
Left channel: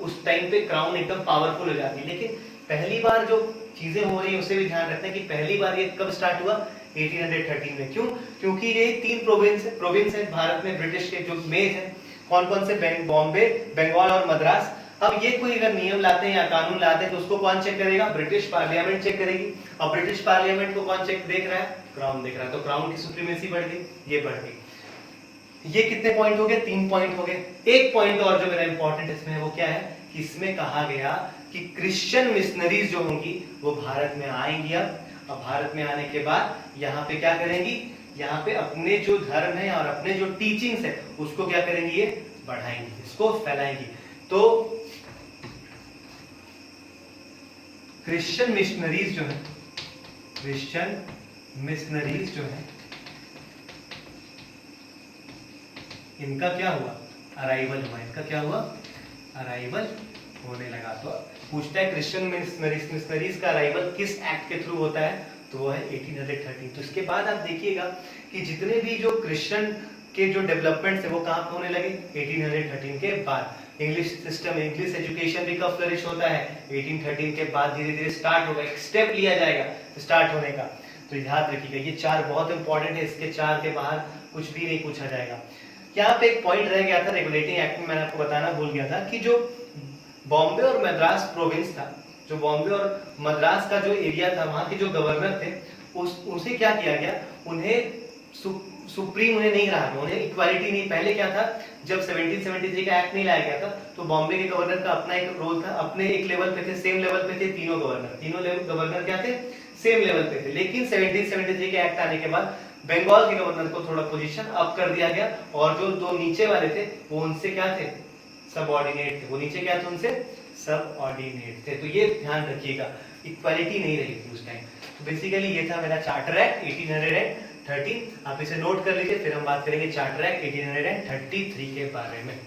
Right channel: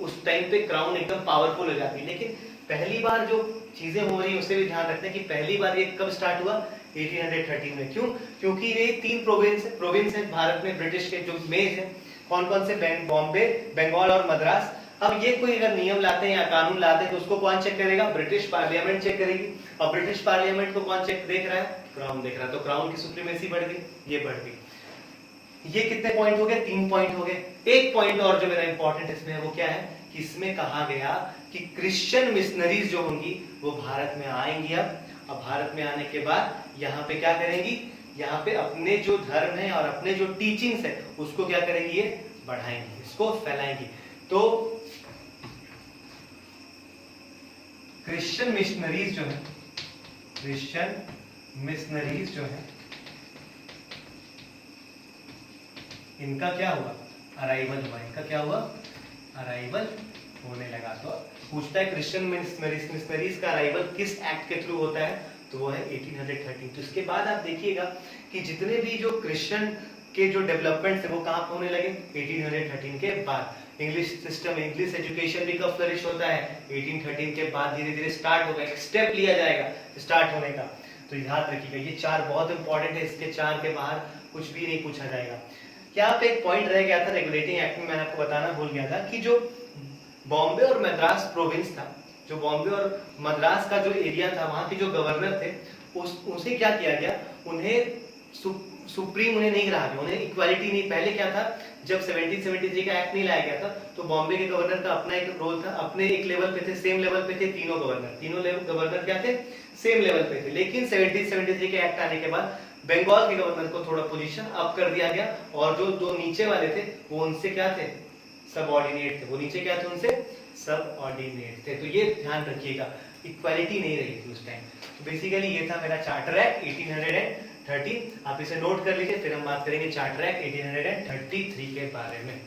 उस टाइम पे क्राउन एकदम पावरफुल हो जाती है। लेकिन पहली बार जो चीजें हो रही है उससे भी ध्यान रखते हैं कि पहली बार ये कब स्टार्ट हुआ? 1813 में। क्यों? क्योंकि ये 3 प्रोविंस है भारत में, ब्रिटिश के जो मेज है, कौन कौन से? बॉम्बे, बंगाल और मद्रास। अब ये कोई अगर नियम लाते हैं या कानून लाते हैं तो उसको कौन चेक करेगा? ब्रिटिश पार्लियामेंट चेक करेगी। और ब्रिटिश पार्लियामेंट को कौन चेक देख रहा है? क्राउन देख रहा है। तो क्राउन की सुप्रीमेसी बढ़ गई, ये बढ़ गई। ये कितने पॉइंट हो गए? 3 पॉइंट हो गए। एक पॉइंट और जो मेरा इंपॉर्टेंट इसमें है वो क्या है कि इसमें कहा गया कि क्रिश्चियन मिशनरीज जो होंगी वो भारत में आएंगी। अब भारत में आने के बाद यहाँ पे क्या करेंगी? यहाँ पे अपने जो धर्म है और अपने जो टीचिंग्स है उसको क्या करेंगी? ये बढ़ाएंगी, इसको फैलाएंगी। तो क्रिश्चियन मिशनरीज जो है इनका क्या हुआ? अराइवल हुआ। इनका क्या हुआ? अराइवल होने लगा। तो पूछता है क्रिश्चियन मिशनरीज का अराइवल किस एक्ट के थ्रू होता है? तो वो है 1813। तो इसके बाद आप देखिएगा कि जितने भी जो क्रिश्चियन के जो डेवलपमेंट है वो कहाँ होने लगे? 1813 के बाद। इंग्लिश सिस्टम, इंग्लिश एजुकेशन भी कब फ्लरिश होता है? 1813 के बाद धीरे धीरे स्टार्ट होगा, एक स्टेप लिया जाएगा स्टार्ट होने का। तो याद रखिएगा ये 4 बहुत इंपॉर्टेंट है, इसके 4 के बाहर कुछ भी नहीं पूछा जाएगा। यहाँ पे एक पॉइंट रह गया था रेगुलेटिंग एक्ट में, मैंने आपको बताना भूल गया था कि जो बॉम्बे और मद्रास प्रोविंस था, जो बॉम्बे और मद्रास का जो एरिया था, वहां के जो गवर्नर थे उसे क्या किया गया? उन्हें सुप्रीम उन्हें नहीं रहा गया, उन्हें इक्वालिटी नहीं। पहले क्या था, जब 1773 का एक्ट नहीं लाया गया था तो बॉम्बे के गवर्नर का अपना एक रोल था, अपने एक लेवल पे थे, सेम लेवल पे थे तीनों गवर्नर क्या थे? सेम लेवल पे थे। लेकिन 1773 के एक्ट आने के बाद बंगाल के गवर्नर को थोड़ा पोजीशन अप कर दिया गया, और जो 2 नीचे वाले थे वो उनसे क्या थे? सबऑर्डिनेट थे। वो नीचे क्या थे? उनसे सबऑर्डिनेट थे। तो ये ध्यान रखिएगा, इक्वालिटी नहीं रही थी उस टाइम। तो बेसिकली ये था मेरा चार्टर एक्ट 1813। आप इसे नोट कर लीजिए, फिर हम बात करेंगे चार्टर एक्ट 1833 के बारे में।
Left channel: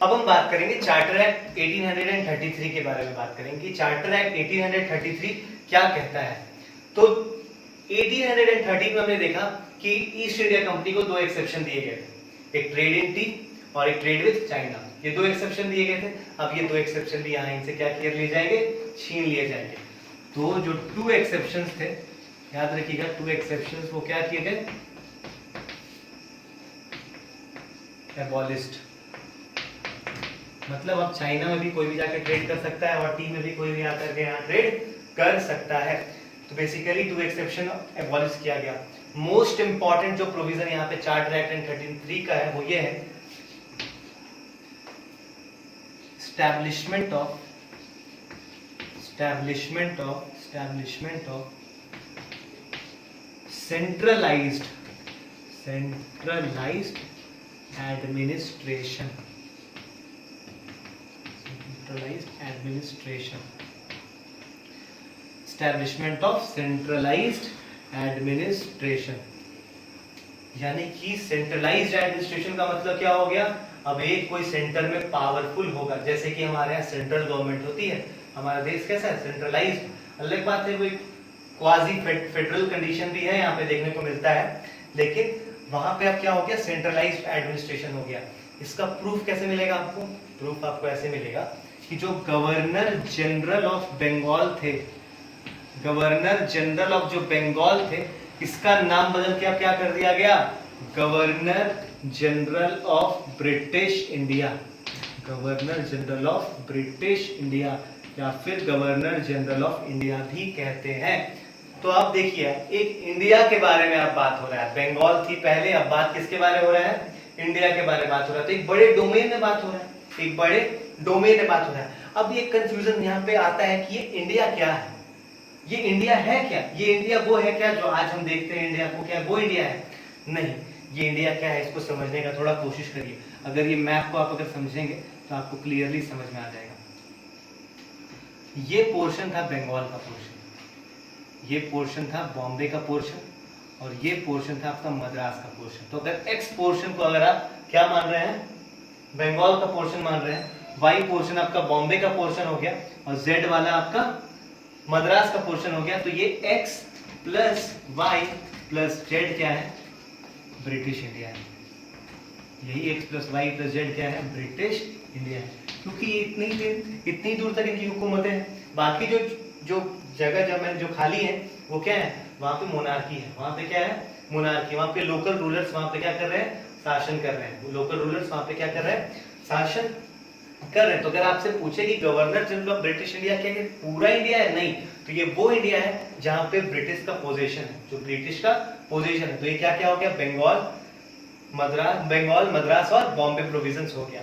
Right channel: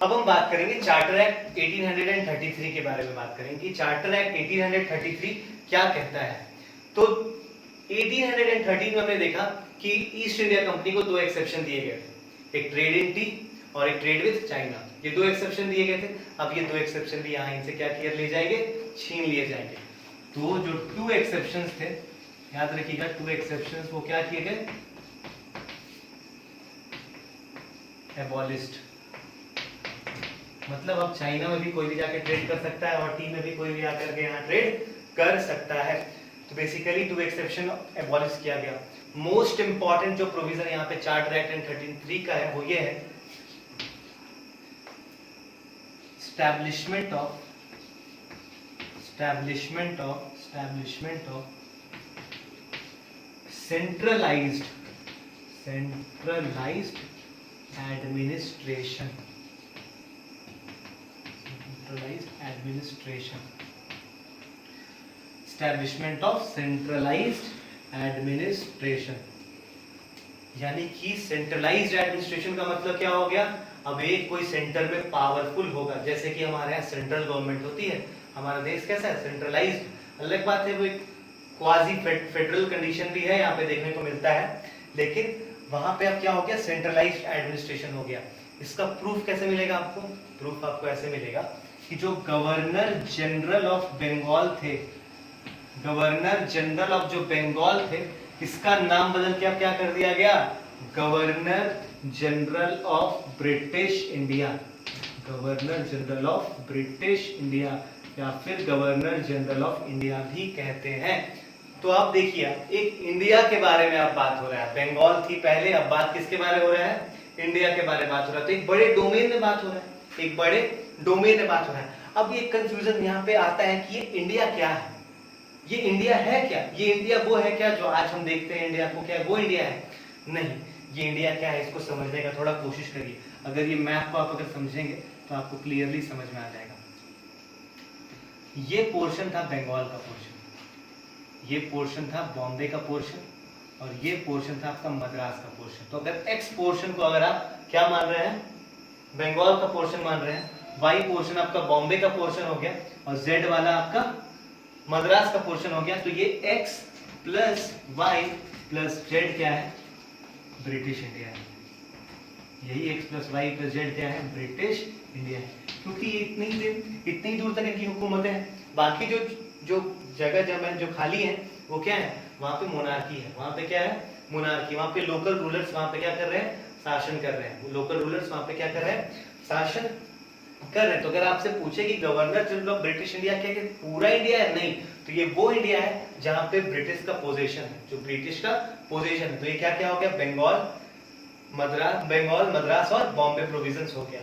अब हम बात करेंगे चार्टर एक्ट 1833 के बारे में बात करेंगे कि चार्टर एक्ट 1833 क्या कहता है। तो 1813 में हमने देखा कि ईस्ट इंडिया कंपनी को 2 एक्सेप्शन दिए गए थे, एक ट्रेड इन टी और एक ट्रेड विद चाइना। ये 2 एक्सेप्शन दिए गए थे। अब ये 2 एक्सेप्शन भी यहाँ इनसे क्या किए लिए जाएंगे? छीन लिए जाएंगे। तो जो 2 एक्सेप्शंस थे, याद रखिएगा 2 एक्सेप्शंस वो क्या किए गए? एबॉलिश्ड। मतलब अब चाइना में भी कोई भी जाकर ट्रेड कर सकता है और टी में भी कोई भी आकर के यहाँ ट्रेड कर सकता है। तो बेसिकली 2 एक्सेप्शन एबॉलिश किया गया। मोस्ट इंपॉर्टेंट जो प्रोविजन यहाँ पे चार्टर एक्ट 1833 का है वो ये है, establishment of centralized administration. Establishment of centralized administration, यानी कि सेंट्रलाइज्ड एडमिनिस्ट्रेशन का मतलब क्या हो गया? अब एक कोई सेंटर में पावरफुल होगा, जैसे कि हमारे यहाँ सेंट्रल गवर्नमेंट होती है। हमारा देश कैसा है? सेंट्रलाइज्ड। अलग बात है वो एक क्वाजी फेडरल कंडीशन भी है यहाँ पे देखने को मिलता है, लेकिन वहां पे अब क्या हो गया? सेंट्रलाइज्ड एडमिनिस्ट्रेशन हो गया। इसका प्रूफ कैसे मिलेगा आपको? प्रूफ आपको ऐसे मिलेगा कि जो गवर्नर जनरल ऑफ बंगाल थे, गवर्नर जनरल ऑफ जो बंगाल थे, इसका नाम बदल के अब क्या कर दिया गया? Governor general of British India. Governor general of British India या फिर गवर्नर जनरल ऑफ इंडिया भी कहते हैं। तो आप देखिए, एक इंडिया के बारे में अब बात हो रहा है, बंगाल थी पहले, अब बात किसके बारे में हो रहा है, इंडिया के बारे में बात हो रहा है। तो एक बड़े डोमेन में बात हो रहा है, एक बड़े डोमेन में बात हो रहा है। अब ये कंफ्यूजन यहाँ पे आता है कि ये इंडिया क्या है, ये इंडिया है क्या, ये इंडिया वो है क्या जो आज हम देखते हैं इंडिया को, क्या वो इंडिया है? नहीं, ये इंडिया क्या है इसको समझने का थोड़ा कोशिश करिए। अगर ये मैप को आप अगर समझेंगे तो आपको क्लियरली समझ में आ जाएगा। ये पोर्शन था बंगाल का पोर्शन, ये पोर्शन था बॉम्बे का पोर्शन, और ये पोर्शन था आपका मद्रास का पोर्शन। तो अगर एक्स पोर्शन को अगर आप क्या मान रहे हैं, बंगाल का पोर्शन मान रहे हैं, वाई पोर्शन आपका बॉम्बे का पोर्शन हो गया, और जेड वाला आपका मद्रास का पोर्शन हो गया। तो ये X plus Y plus Z क्या है, ब्रिटिश इंडिया है। यही X plus Y plus Z क्या है, ब्रिटिश इंडिया है। क्योंकि ये इतनी दूर तक इनकी हुकूमतें हैं। बाकी जो जगह जमीन जो खाली है वो क्या है, वहां पे मोनार्की है, वहां पे क्या है, मोनार्की। वहां पे लोकल रूलर्स वहां पे क्या कर रहे हैं, शासन कर रहे हैं। लोकल रूलर्स वहां पे क्या कर रहे हैं, शासन कर रहे हैं। तो अगर आपसे पूछे कि governor general of British India क्या है, पूरा इंडिया है? नहीं, तो ये वो इंडिया है जहां पे ब्रिटिश का पोजीशन है, जो ब्रिटिश का पोजीशन है। तो ये क्या क्या हो गया, बंगाल, मद्रास और बॉम्बे प्रोविजंस हो गया।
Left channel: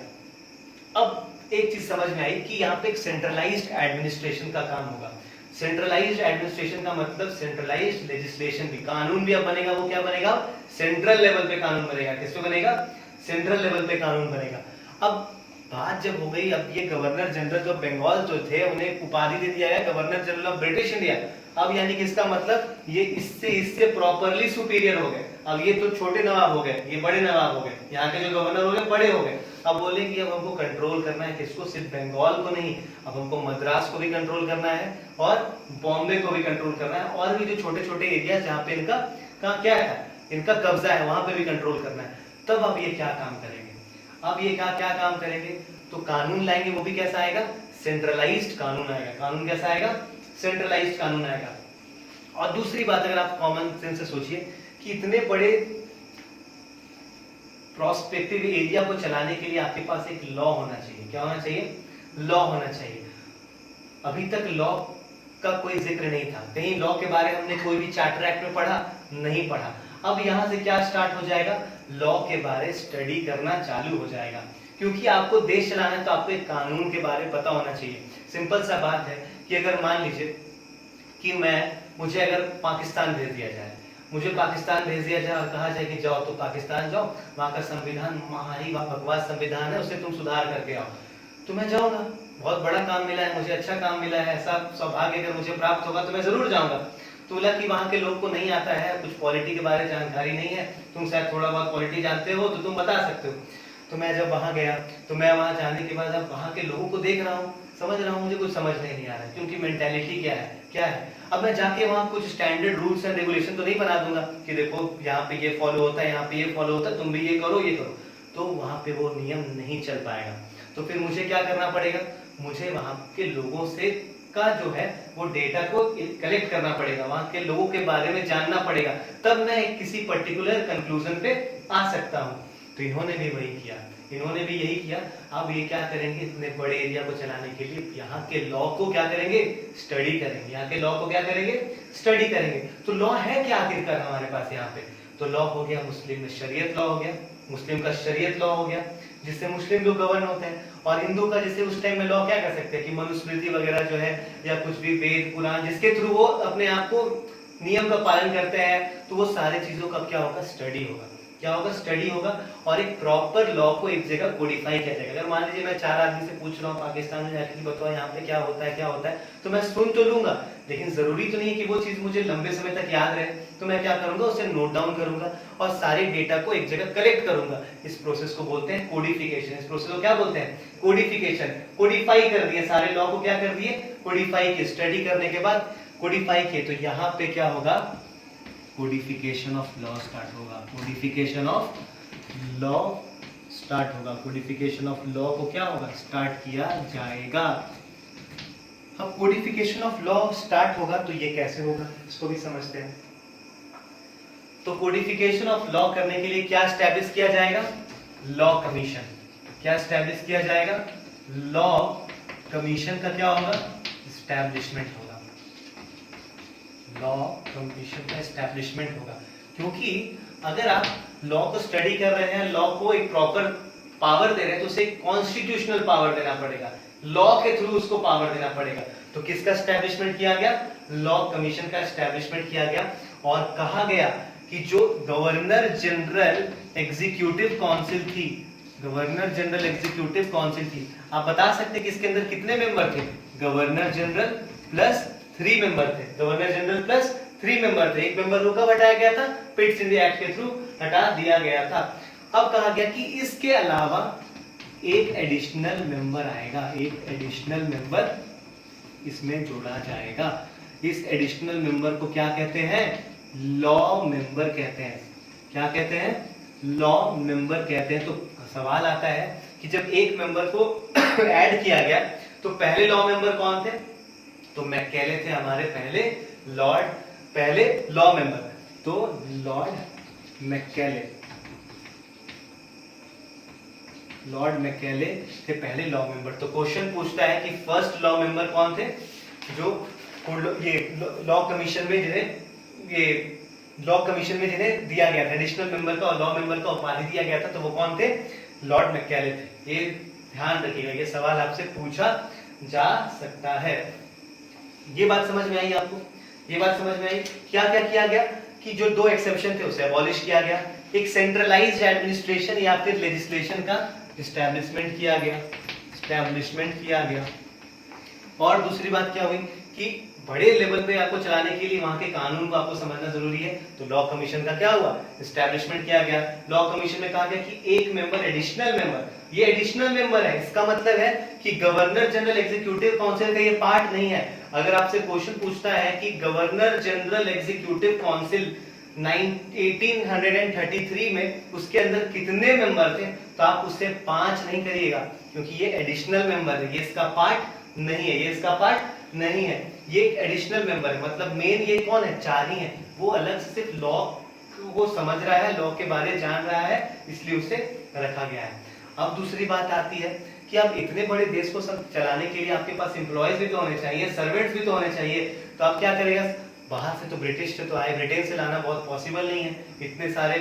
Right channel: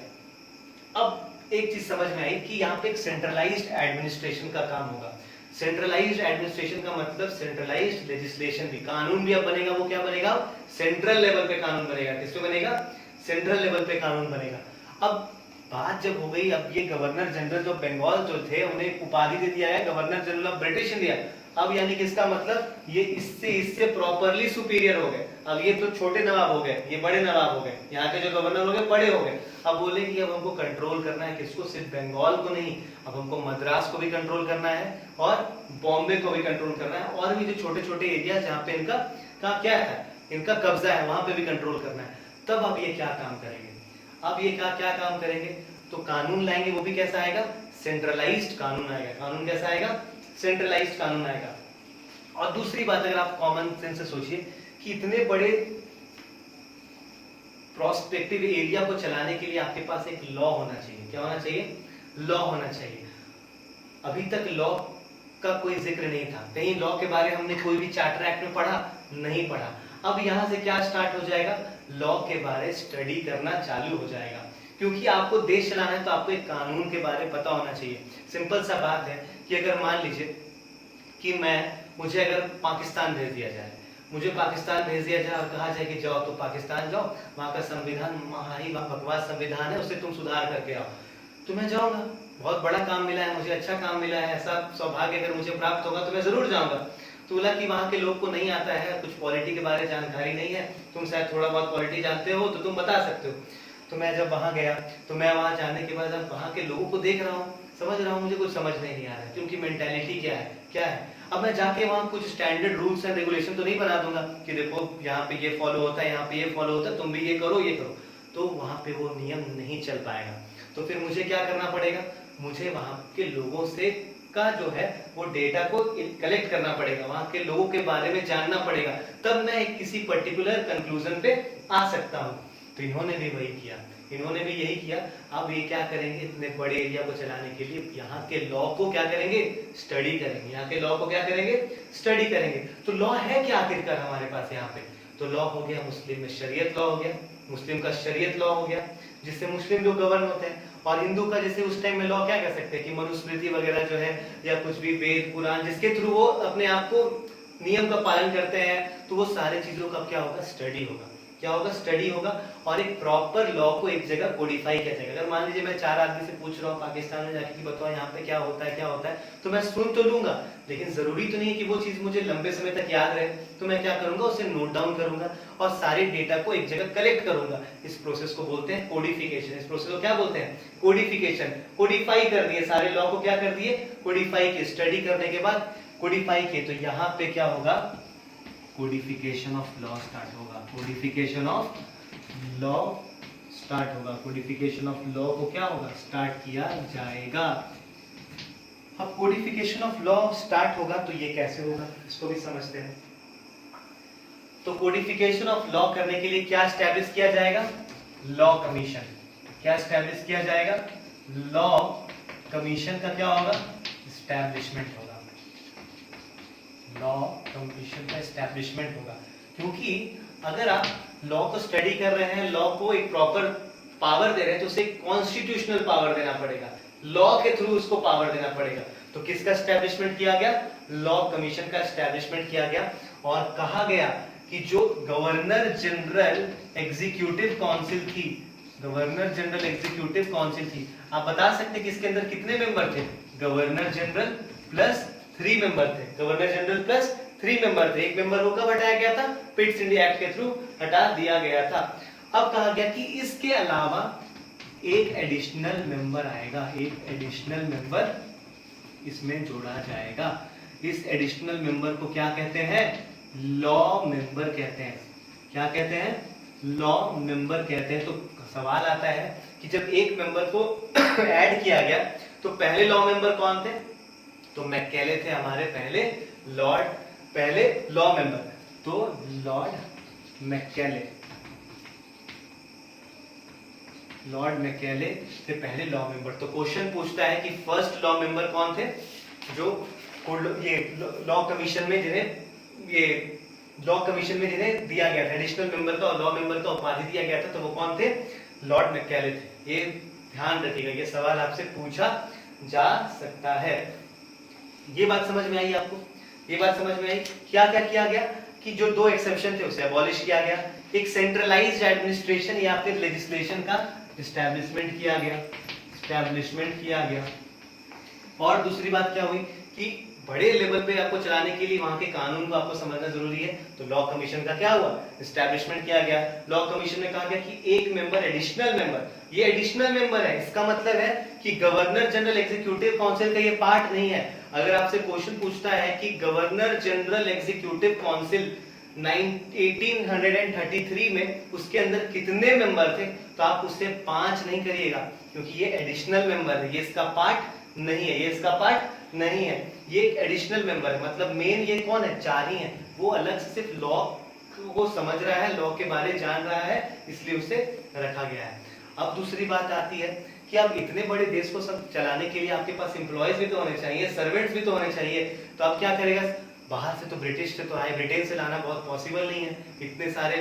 अब एक चीज समझ में आई कि यहाँ पे एक सेंट्रलाइज्ड एडमिनिस्ट्रेशन का काम होगा। सेंट्रलाइज्ड एडमिनिस्ट्रेशन का मतलब सेंट्रलाइज्ड लेजिस्लेशन भी, कानून भी अब बनेगा, वो क्या बनेगा, सेंट्रल लेवल पे कानून बनेगा। किस पे बनेगा, सेंट्रल लेवल पे कानून बनेगा। अब बात जब हो गई, अब ये गवर्नर जनरल जो बंगाल जो थे उन्हें उपाधि दे दिया है governor general of British India. अब यानी कि इसका मतलब ये इससे प्रॉपरली सुपीरियर हो गए। अब ये तो छोटे नवाब हो गए, ये बड़े नवाब हो गए, यहाँ के जो गवर्नर हो गए बड़े हो गए। अब बोले कि अब हमको कंट्रोल करना है किसको, सिर्फ बंगाल को नहीं, अब हमको मद्रास को भी कंट्रोल करना है और बॉम्बे को भी कंट्रोल करना है, और भी जो छोटे छोटे एरिया जहाँ पे इनका क्या है, इनका कब्जा है, वहां पे भी कंट्रोल करना है। तब अब ये क्या काम करेंगे, अब ये क्या काम करेंगे, तो कानून लाएंगे, वो भी कैसा आएगा, सेंट्रलाइज्ड कानून आएगा। कानून कैसा आएगा, सेंट्रलाइज्ड कानून आएगा। और दूसरी बात, अगर आप कॉमन सेंस से सोचिए कि इतने बड़े प्रोस्पेक्टिव एरिया को चलाने के लिए आपके पास एक लॉ होना चाहिए। क्या होना चाहिए, लॉ होना चाहिए। अभी तक लॉ का कोई जिक्र नहीं था, कहीं लॉ के बारे में हमने कोई भी चार्टर एक्ट में पढ़ा नहीं पढ़ा। अब यहां से क्या स्टार्ट हो जाएगा, लॉ के बारे स्टडी करना चालू हो जाएगा। क्योंकि आपको देश चलाना है तो आपको एक कानून के बारे में पता होना चाहिए। सिंपल सा बात है कि अगर मान लीजिए कि मुझे अगर पाकिस्तान भेज दिया जाए, मुझे पाकिस्तान भेज दिया जाए और कहा जाए कि जाओ तो पाकिस्तान जाओ, वहां का संविधान भारी बकवास संविधान है, उसे तुम सुधार करके आओ, तो मैं जाऊंगा। बहुत बड़ा काम मिला है मुझे, अच्छा काम मिला है, ऐसा सौभाग्य अगर मुझे प्राप्त होगा तो मैं जरूर जाऊंगा। तो बोला कि वहां के लोग को नहीं आता है, कुछ पॉलिटी के बारे में जानकारी नहीं है, तुम शायद थोड़ा बहुत पॉलिटी जानते हो तो तुम बता सकते हो। तो मैं जब वहां गया तो मैं वहां जाने के बाद अब वहां के लोगों को देख रहा हूँ, समझ रहा हूँ, मुझे कुछ समझ नहीं आ रहा है, क्योंकि मेंटालिटी क्या है। अब मैं जाके वहां कुछ स्टैंडर्ड रूल्स एंड रेगुलेशन तो नहीं बना दूंगा कि देखो यहाँ पे ये फॉलो होता है, यहाँ पे ये फॉलो होता है, तुम भी ये करो ये करो, तो वहां पे वो नियम नहीं चल पाएगा। तो फिर मुझे क्या करना पड़ेगा, मुझे वहां के लोगों से का जो है वो डेटा को कलेक्ट करना पड़ेगा, वहां के लोगों के बारे में जानना पड़ेगा, तब मैं किसी पर्टिकुलर कंक्लूजन पे आ सकता हूँ। तो इन्होंने भी वही किया, इन्होंने भी यही किया। अब ये क्या करेंगे, इतने बड़े एरिया को चलाने के लिए यहाँ के लॉ को क्या करेंगे, स्टडी करेंगे। यहाँ के लॉ को क्या करेंगे, स्टडी करेंगे। तो लॉ है क्या आखिरकार हमारे पास यहाँ पे, तो लॉ हो गया मुस्लिम में शरीयत लॉ हो गया, मुस्लिम का शरीयत लॉ हो गया जिससे मुस्लिम लोग गवर्न होते हैं, और हिंदू का जैसे उस टाइम में लॉ क्या कर सकते हैं कि मनुस्मृति वगैरह जो है या कुछ भी वेद पुराण जिसके थ्रू वो अपने आप को नियम का पालन करते हैं, तो वो सारे चीजों का क्या होगा, स्टडी होगा। क्या होगा, स्टडी होगा, और एक प्रॉपर लॉ को एक जगह कोडिफाई किया जाएगा। अगर मान लीजिए मैं 4 आदमी से पूछ रहा हूँ पाकिस्तान में जाके कि बताओ यहाँ पे क्या होता है, तो मैं सुन तो लूंगा, लेकिन जरूरी तो नहीं है कि वो चीज मुझे लंबे समय तक याद रहे। तो मैं क्या करूंगा, उसे नोट डाउन करूंगा और सारे डेटा को एक जगह कलेक्ट करूंगा। इस प्रोसेस को बोलते हैं कोडिफिकेशन। इस प्रोसेस को क्या बोलते हैं, कोडिफिकेशन। कोडिफाई कर दिए, सारे लॉ को क्या कर दिए, कोडिफाई किए। स्टडी करने के बाद कोडिफाई किए, तो यहाँ पे क्या होगा, कोडिफिकेशन ऑफ लॉ स्टार्ट होगा। कोडिफिकेशन ऑफ लॉ स्टार्ट होगा। कोडिफिकेशन ऑफ लॉ को क्या होगा, स्टार्ट किया जाएगा। अब कोडिफिकेशन ऑफ लॉ स्टार्ट होगा तो ये कैसे होगा, इसको भी समझते हैं। तो कोडिफिकेशन ऑफ लॉ करने के लिए क्या एस्टैब्लिश किया जाएगा, लॉ कमीशन। क्या स्टैब्लिश किया जाएगा? लॉ कमीशन का क्या होगा? स्टैब्लिशमेंट होगा। लॉ कमीशन का स्टैब्लिशमेंट होगा, क्योंकि अगर आप लॉ को स्टडी कर रहे हैं, लॉ को एक प्रॉपर पावर दे रहे हैं, तो उसे कॉन्स्टिट्यूशनल पावर देना पड़ेगा, लॉ के थ्रू उसको पावर देना पड़ेगा। तो किसका स्टैब्लिशमेंट किया गया? लॉ कमीशन का स्टैब्लिशमेंट किया गया, और कहा गया कि जो गवर्नर जनरल एग्जीक्यूटिव काउंसिल थी, गवर्नर जनरल एग्जीक्यूटिव काउंसिल थी, आप बता सकते कि इसके अंदर कितने मेंबर थे? गवर्नर जनरल प्लस 3 मेंबर थे, गवर्नर जनरल प्लस 3 मेंबर थे। एक मेंबर को कब हटाया गया था? पिट्स इंडिया एक्ट के थ्रू हटा दिया गया था। अब कहा गया कि इसके अलावा एक एडिशनल मेंबर आएगा, एक एडिशनल मेंबर इसमें जोड़ा जाएगा। इस एडिशनल मेंबर को क्या कहते हैं? लॉ मेंबर कहते हैं। क्या कहते हैं? लॉ मेंबर कहते हैं। तो सवाल आता है कि जब एक मेंबर को ऐड किया गया तो पहले लॉ मेंबर कौन थे? तो मैकेले थे हमारे पहले लॉ मेंबर। तो लॉर्ड मैकेले थे पहले लॉ मेंबर। तो क्वेश्चन पूछता है कि फर्स्ट लॉ मेंबर कौन थे? जो ये लॉ कमीशन में जिन्हें दिया गया था, एडिशनल मेंबर का और लॉ मेंबर का उपाधि दिया गया था, तो वो कौन थे? लॉर्ड मैकेले थे। ये ध्यान रखिएगा, ये सवाल आपसे पूछा जा सकता है। ये बात समझ में आई आपको? ये बात समझ में आई? क्या क्या किया गया कि जो 2 एक्सेप्शन थे उसे अबॉलिश किया गया, एक सेंट्रलाइज्ड एडमिनिस्ट्रेशन या फिर लेजिस्लेशन का स्टैब्लिशमेंट किया गया। और दूसरी बात क्या हुई कि बड़े लेवल पे आपको चलाने के लिए वहां के कानून को आपको समझना जरूरी है। तो लॉ कमीशन का क्या हुआ? स्टैब्लिशमेंट किया गया। लॉ कमीशन में कहा गया कि एक मेंबर एडिशनल मेंबर, ये एडिशनल मेंबर है, इसका मतलब है कि गवर्नर जनरल एग्जीक्यूटिव काउंसिल का ये पार्ट नहीं है। अगर आपसे क्वेश्चन पूछता है कि गवर्नर जनरल एग्जीक्यूटिव काउंसिल 1833 में उसके अंदर कितने मेंबर थे, तो आप उससे 5 नहीं करिएगा, क्योंकि ये एडिशनल मेंबर है, ये इसका पार्ट नहीं है, ये एक एडिशनल मेंबर है। मतलब मेन ये कौन है? 4 ही है। वो अलग से सिर्फ लॉ को समझ रहा है, लॉ के बारे जान रहा है, इसलिए उसे रखा गया है। अब दूसरी बात आती है कि अब इतने बड़े देश को सब चलाने के लिए आपके पास एम्प्लॉयज भी तो होने चाहिए, सर्वेंट्स भी तो होने चाहिए। तो आप क्या करेगा? बाहर से तो ब्रिटिश से तो आए, ब्रिटेन से लाना बहुत पॉसिबल नहीं है इतने सारे,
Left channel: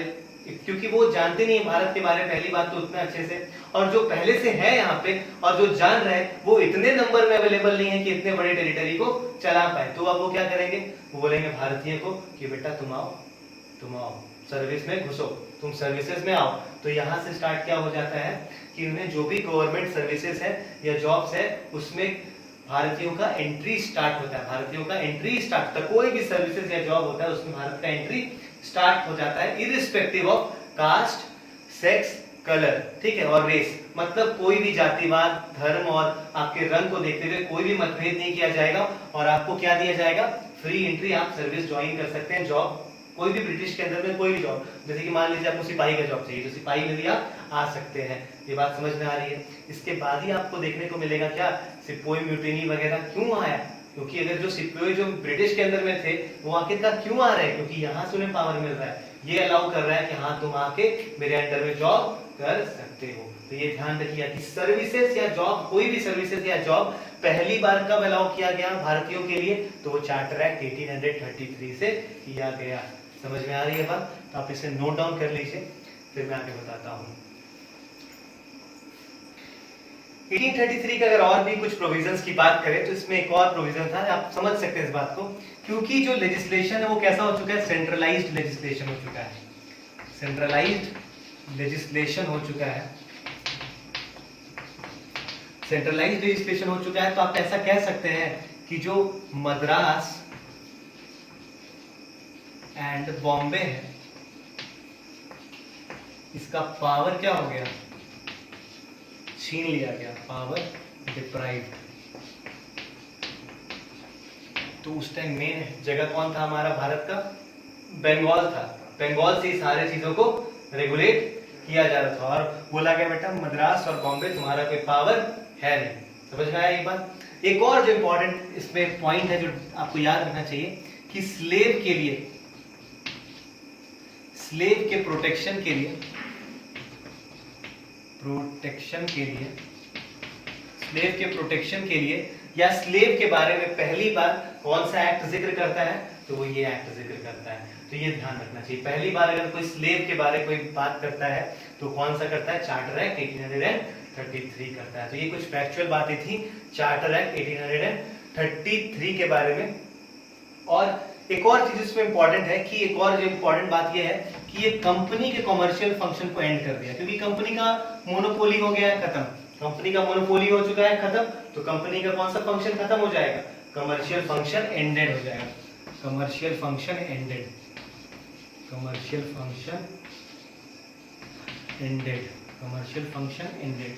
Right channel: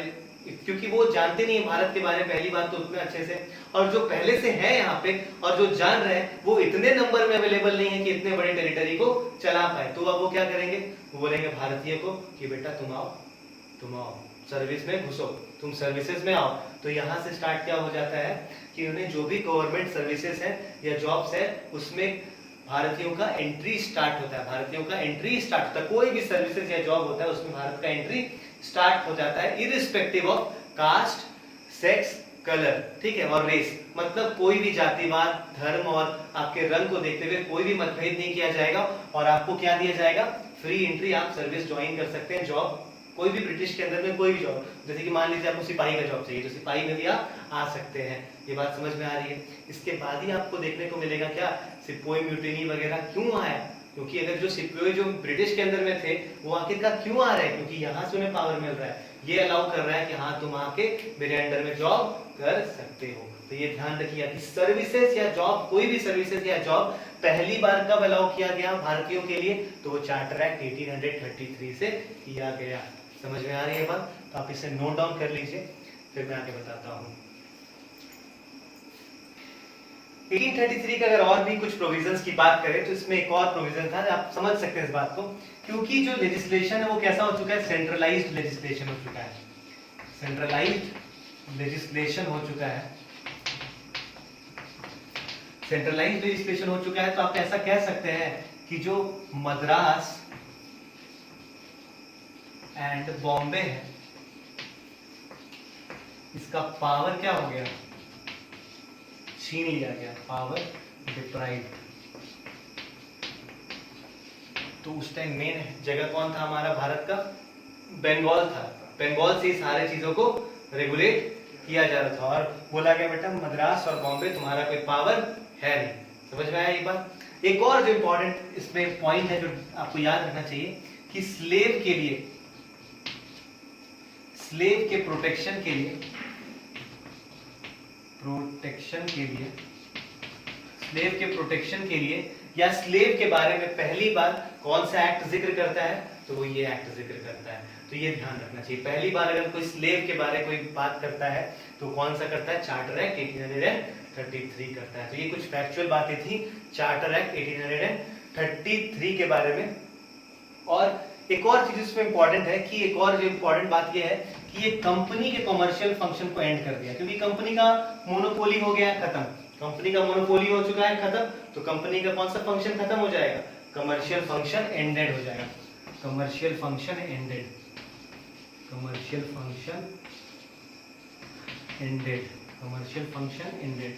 क्योंकि वो जानते नहीं है भारत के बारे में, पहली बात तो उतना अच्छे से, और जो पहले से है यहाँ पे और जो जान रहे हैं वो इतने नंबर में अवेलेबल नहीं है कि इतने बड़े टेरिटरी को चला पाए। तो अब वो क्या करेंगे? वो बोलेंगे भारतीय को कि बेटा तुम आओ सर्विस में घुसो, तुम सर्विसेज में आओ। तो यहाँ से स्टार्ट क्या हो जाता है कि उन्हें जो भी गवर्नमेंट सर्विसेज है या जॉब्स है उसमें भारतीयों का एंट्री स्टार्ट होता है। कोई भी सर्विसेज या जॉब होता है उसमें भारत का एंट्री स्टार्ट हो जाता है, irrespective of caste, sex, colour, ठीक है, और रेस। मतलब कोई भी जातिवाद, धर्म और आपके रंग को देखते हुए कोई भी मतभेद नहीं किया जाएगा, और आपको क्या दिया जाएगा? फ्री एंट्री, आप सर्विस ज्वाइन कर सकते हैं, जॉब कोई भी ब्रिटिश के अंदर में कोई भी जॉब, जैसे कि मान लीजिए आपको सिपाही का जॉब चाहिए तो सिपाही में भी आप आ सकते हैं। ये बात समझ में आ रही है? इसके बाद ही आपको देखने को मिलेगा क्या? सिपोही म्यूटिनी वगैरह क्यों आया? क्योंकि अगर जो सिपाही जो ब्रिटिश के अंदर में थे वो आखिरकार क्यों आ रहे हैं? क्योंकि यहाँ से उन्हें पावर मिल रहा है, ये अलाउ कर रहा है कि हाँ तुम आके मेरे अंडर में जॉब कर सकते हो। तो ये ध्यान रखिए कि सर्विसेज या जॉब, कोई भी सर्विसेज या जॉब पहली बार कब अलाउ किया गया भारतीयों के लिए? तो वो चार्टर एक्ट 1833 से किया गया। समझ में आ रही है बात? तो आप इसे नोट डाउन कर लीजिए, फिर मैं आगे बताता हूँ। 1833 का अगर और भी कुछ प्रोविजंस की बात करें तो इसमें एक और प्रोविजन था, आप समझ सकते हैं इस बात को, क्योंकि जो लेजिस्लेशन है वो कैसा हो चुका है? सेंट्रलाइज्ड लेजिस्लेशन हो चुका है। सेंट्रलाइज्ड लेजिस्लेशन हो चुका है। तो आप ऐसा कह सकते हैं कि जो मद्रास एंड बॉम्बे है इसका पावर क्या हो गया? छीन लिया गया, पावर डिप्राइव्ड। तो उस टाइम मेन जगह कौन था हमारा भारत का? बंगाल था। बंगाल से सारे चीजों को रेगुलेट किया जा रहा था, और बोला गया बेटा मद्रास और बॉम्बे तुम्हारा कोई पावर है नहीं। समझ में आया ये बात? एक और जो इंपॉर्टेंट इसमें पॉइंट है जो आपको याद रखना चाहिए कि स्लेव के प्रोटेक्शन के लिए प्रोटेक्शन के लिए, स्लेव के प्रोटेक्शन के लिए या स्लेव के बारे में पहली बार कौन सा एक्ट जिक्र करता है, तो वो ये एक्ट जिक्र करता है। तो ये ध्यान रखना चाहिए, पहली बार अगर कोई स्लेव के बारे में कोई बात करता है तो कौन सा करता है, चार्टर एक्ट 1833 करता है। तो ये कुछ फैक्चुअल बातें थी चार्टर एक्ट 1833 के बारे में। और एक और चीज इसमें इंपॉर्टेंट है कि एक और जो इंपॉर्टेंट बात ये है कि ये कंपनी के कमर्शियल फंक्शन को एंड कर दिया, क्योंकि कंपनी का मोनोपोली हो गया है खत्म, कंपनी का मोनोपोली हो चुका है खत्म, तो कंपनी का कौन सा फंक्शन खत्म हो जाएगा, कमर्शियल फंक्शन एंडेड हो जाएगा, commercial function ended, commercial function ended, commercial function ended.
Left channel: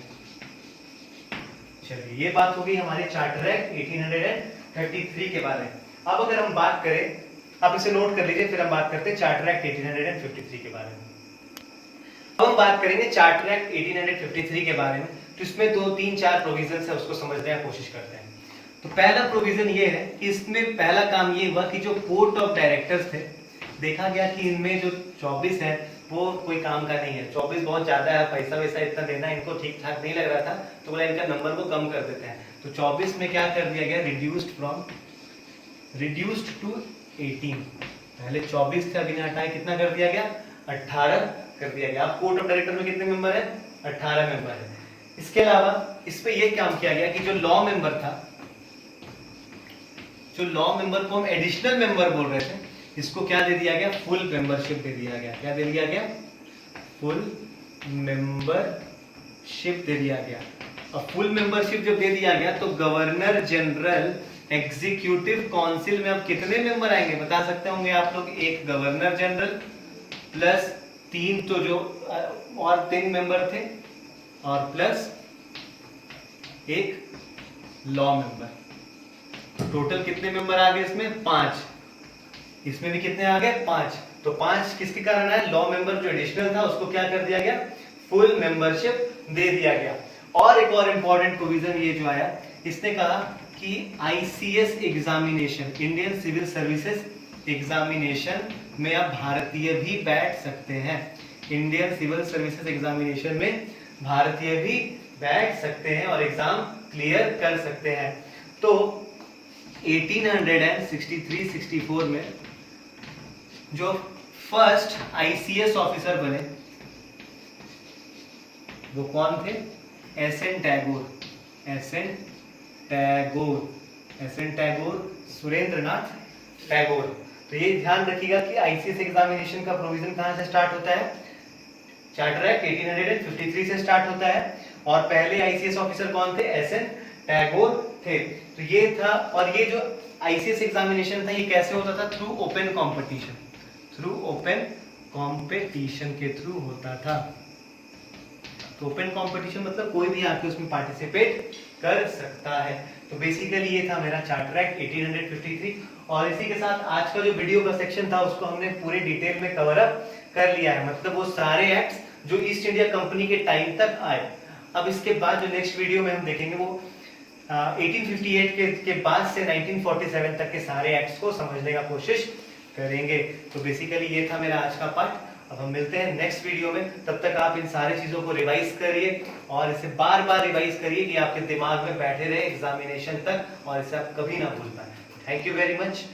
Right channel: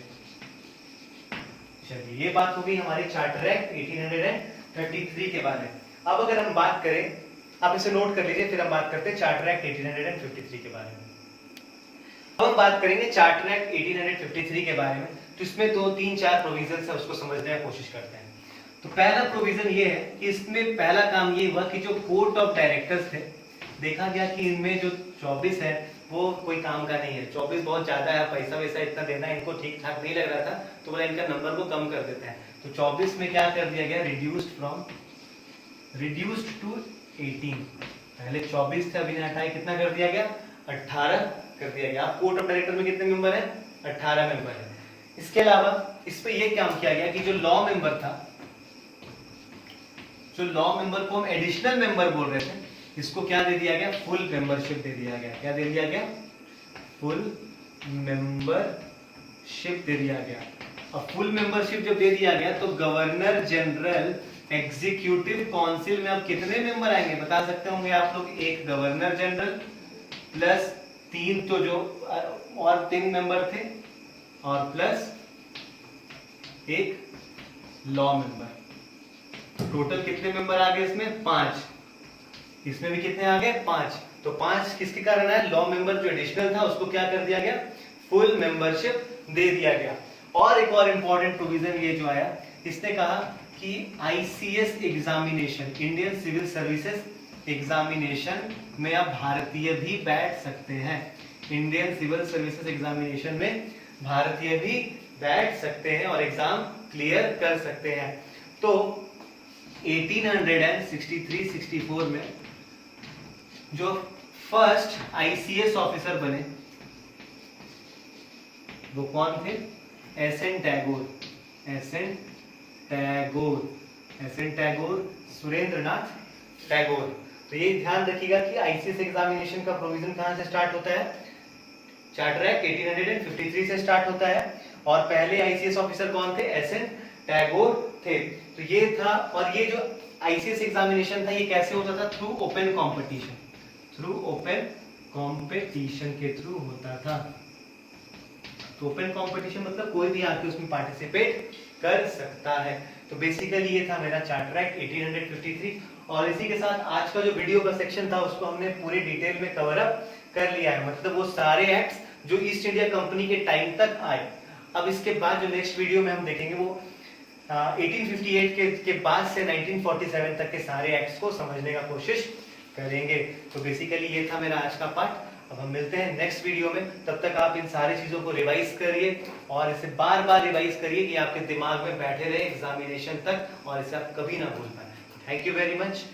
चलिए ये बात हो गई हमारे चार्टर एक्ट 1833 के बारे में। अब अगर हम बात करें, आप इसे नोट कर लीजिए, फिर हम बात करते हैं चार्टर एक्ट 1853 के बारे में। अब हम बात करेंगे चार्टर एक्ट 1853 के बारे में, तो इसमें 2, 3, 4 प्रोविजन है, उसको समझने की कोशिश करते हैं। तो पहला प्रोविजन ये है कि इसमें पहला काम ये हुआ कि जो कोर्ट ऑफ डायरेक्टर्स थे, देखा गया कि इनमें जो 24 है वो कोई काम का नहीं है, 24 बहुत ज्यादा है, पैसा वैसा इतना देना इनको ठीक ठाक नहीं लग रहा था, तो बोला इनका नंबर को कम कर देते हैं। तो 24 में क्या कर दिया गया, रिड्यूस्ड टू 18, पहले 24 थे, अभी हटाए कितना कर दिया गया, 18 कर दिया गया। अब कोर्ट ऑफ डायरेक्टर में कितने मेंबर है, 18 मेंबर है। इसके अलावा इस पे ये काम किया गया कि जो लॉ मेंबर था, जो लॉ मेंबर को हम एडिशनल मेंबर बोल रहे थे, इसको क्या दे दिया गया, फुल मेंबरशिप दे दिया गया। क्या दे दिया गया, फुल मेंबरशिप दे दिया गया। अब फुल मेंबरशिप जब दे दिया गया तो गवर्नर जनरल एग्जीक्यूटिव काउंसिल में अब कितने मेंबर आएंगे, बता सकते होंगे आप लोग, एक गवर्नर जनरल प्लस 3 तो जो और 3 मेंबर थे और प्लस एक लॉ मेंबर, टोटल कितने मेंबर आ गए इसमें, 5। इसमें भी कितने आ गए, 5। तो 5 किसके कारण है, लॉ मेंबर जो एडिशनल था उसको क्या कर दिया गया, फुल मेंबरशिप दे दिया गया। और एक और इंपॉर्टेंट प्रोविजन ये जो आया, इसने कहा कि ICS examination, Indian civil services examination में अब भारतीय भी बैठ सकते हैं, इंडियन सिविल सर्विसेज एग्जामिनेशन में भारतीय भी बैठ सकते हैं और एग्जाम क्लियर कर सकते हैं। तो 1863-64 में जो फर्स्ट आईसीएस ऑफिसर बने वो कौन थे, एस.एन. टैगोर, सुरेंद्रनाथ टैगोर। तो ये ध्यान रखिएगा कि आईसीएस एग्जामिनेशन का प्रोविजन कहां से स्टार्ट होता है, चार्टर एक्ट 1853 से स्टार्ट होता है, और पहले आईसीएस ऑफिसर कौन थे, एस.एन. टैगोर थे। तो ये था, और ये जो आईसीएस एग्जामिनेशन था ये कैसे होता था, through open competition, through open competition के थ्रू होता था। तो ओपन कंपटीशन मतलब कोई भी आके उसमें पार्टिसिपेट कर सकता है। तो बेसिकली ये था मेरा चार्टर एक्ट 1853, और इसी के साथ आज का जो वीडियो का सेक्शन था उसको हमने पूरे डिटेल में कवर अप कर लिया है, मतलब वो सारे एक्ट्स जो ईस्ट इंडिया कंपनी के टाइम तक आए। अब इसके बाद जो नेक्स्ट वीडियो में हम देखेंगे वो 1858 के बाद से 1947 तक के सारे एक्ट्स को समझने का कोशिश करेंगे। तो बेसिकली ये था मेरा आज का पार्ट। अब हम मिलते हैं नेक्स्ट वीडियो में, तब तक आप इन सारी चीजों को रिवाइज करिए और इसे बार बार रिवाइज करिए कि आपके दिमाग में बैठे रहे एग्जामिनेशन तक, और इसे आप कभी ना भूल पाए। Thank you very much.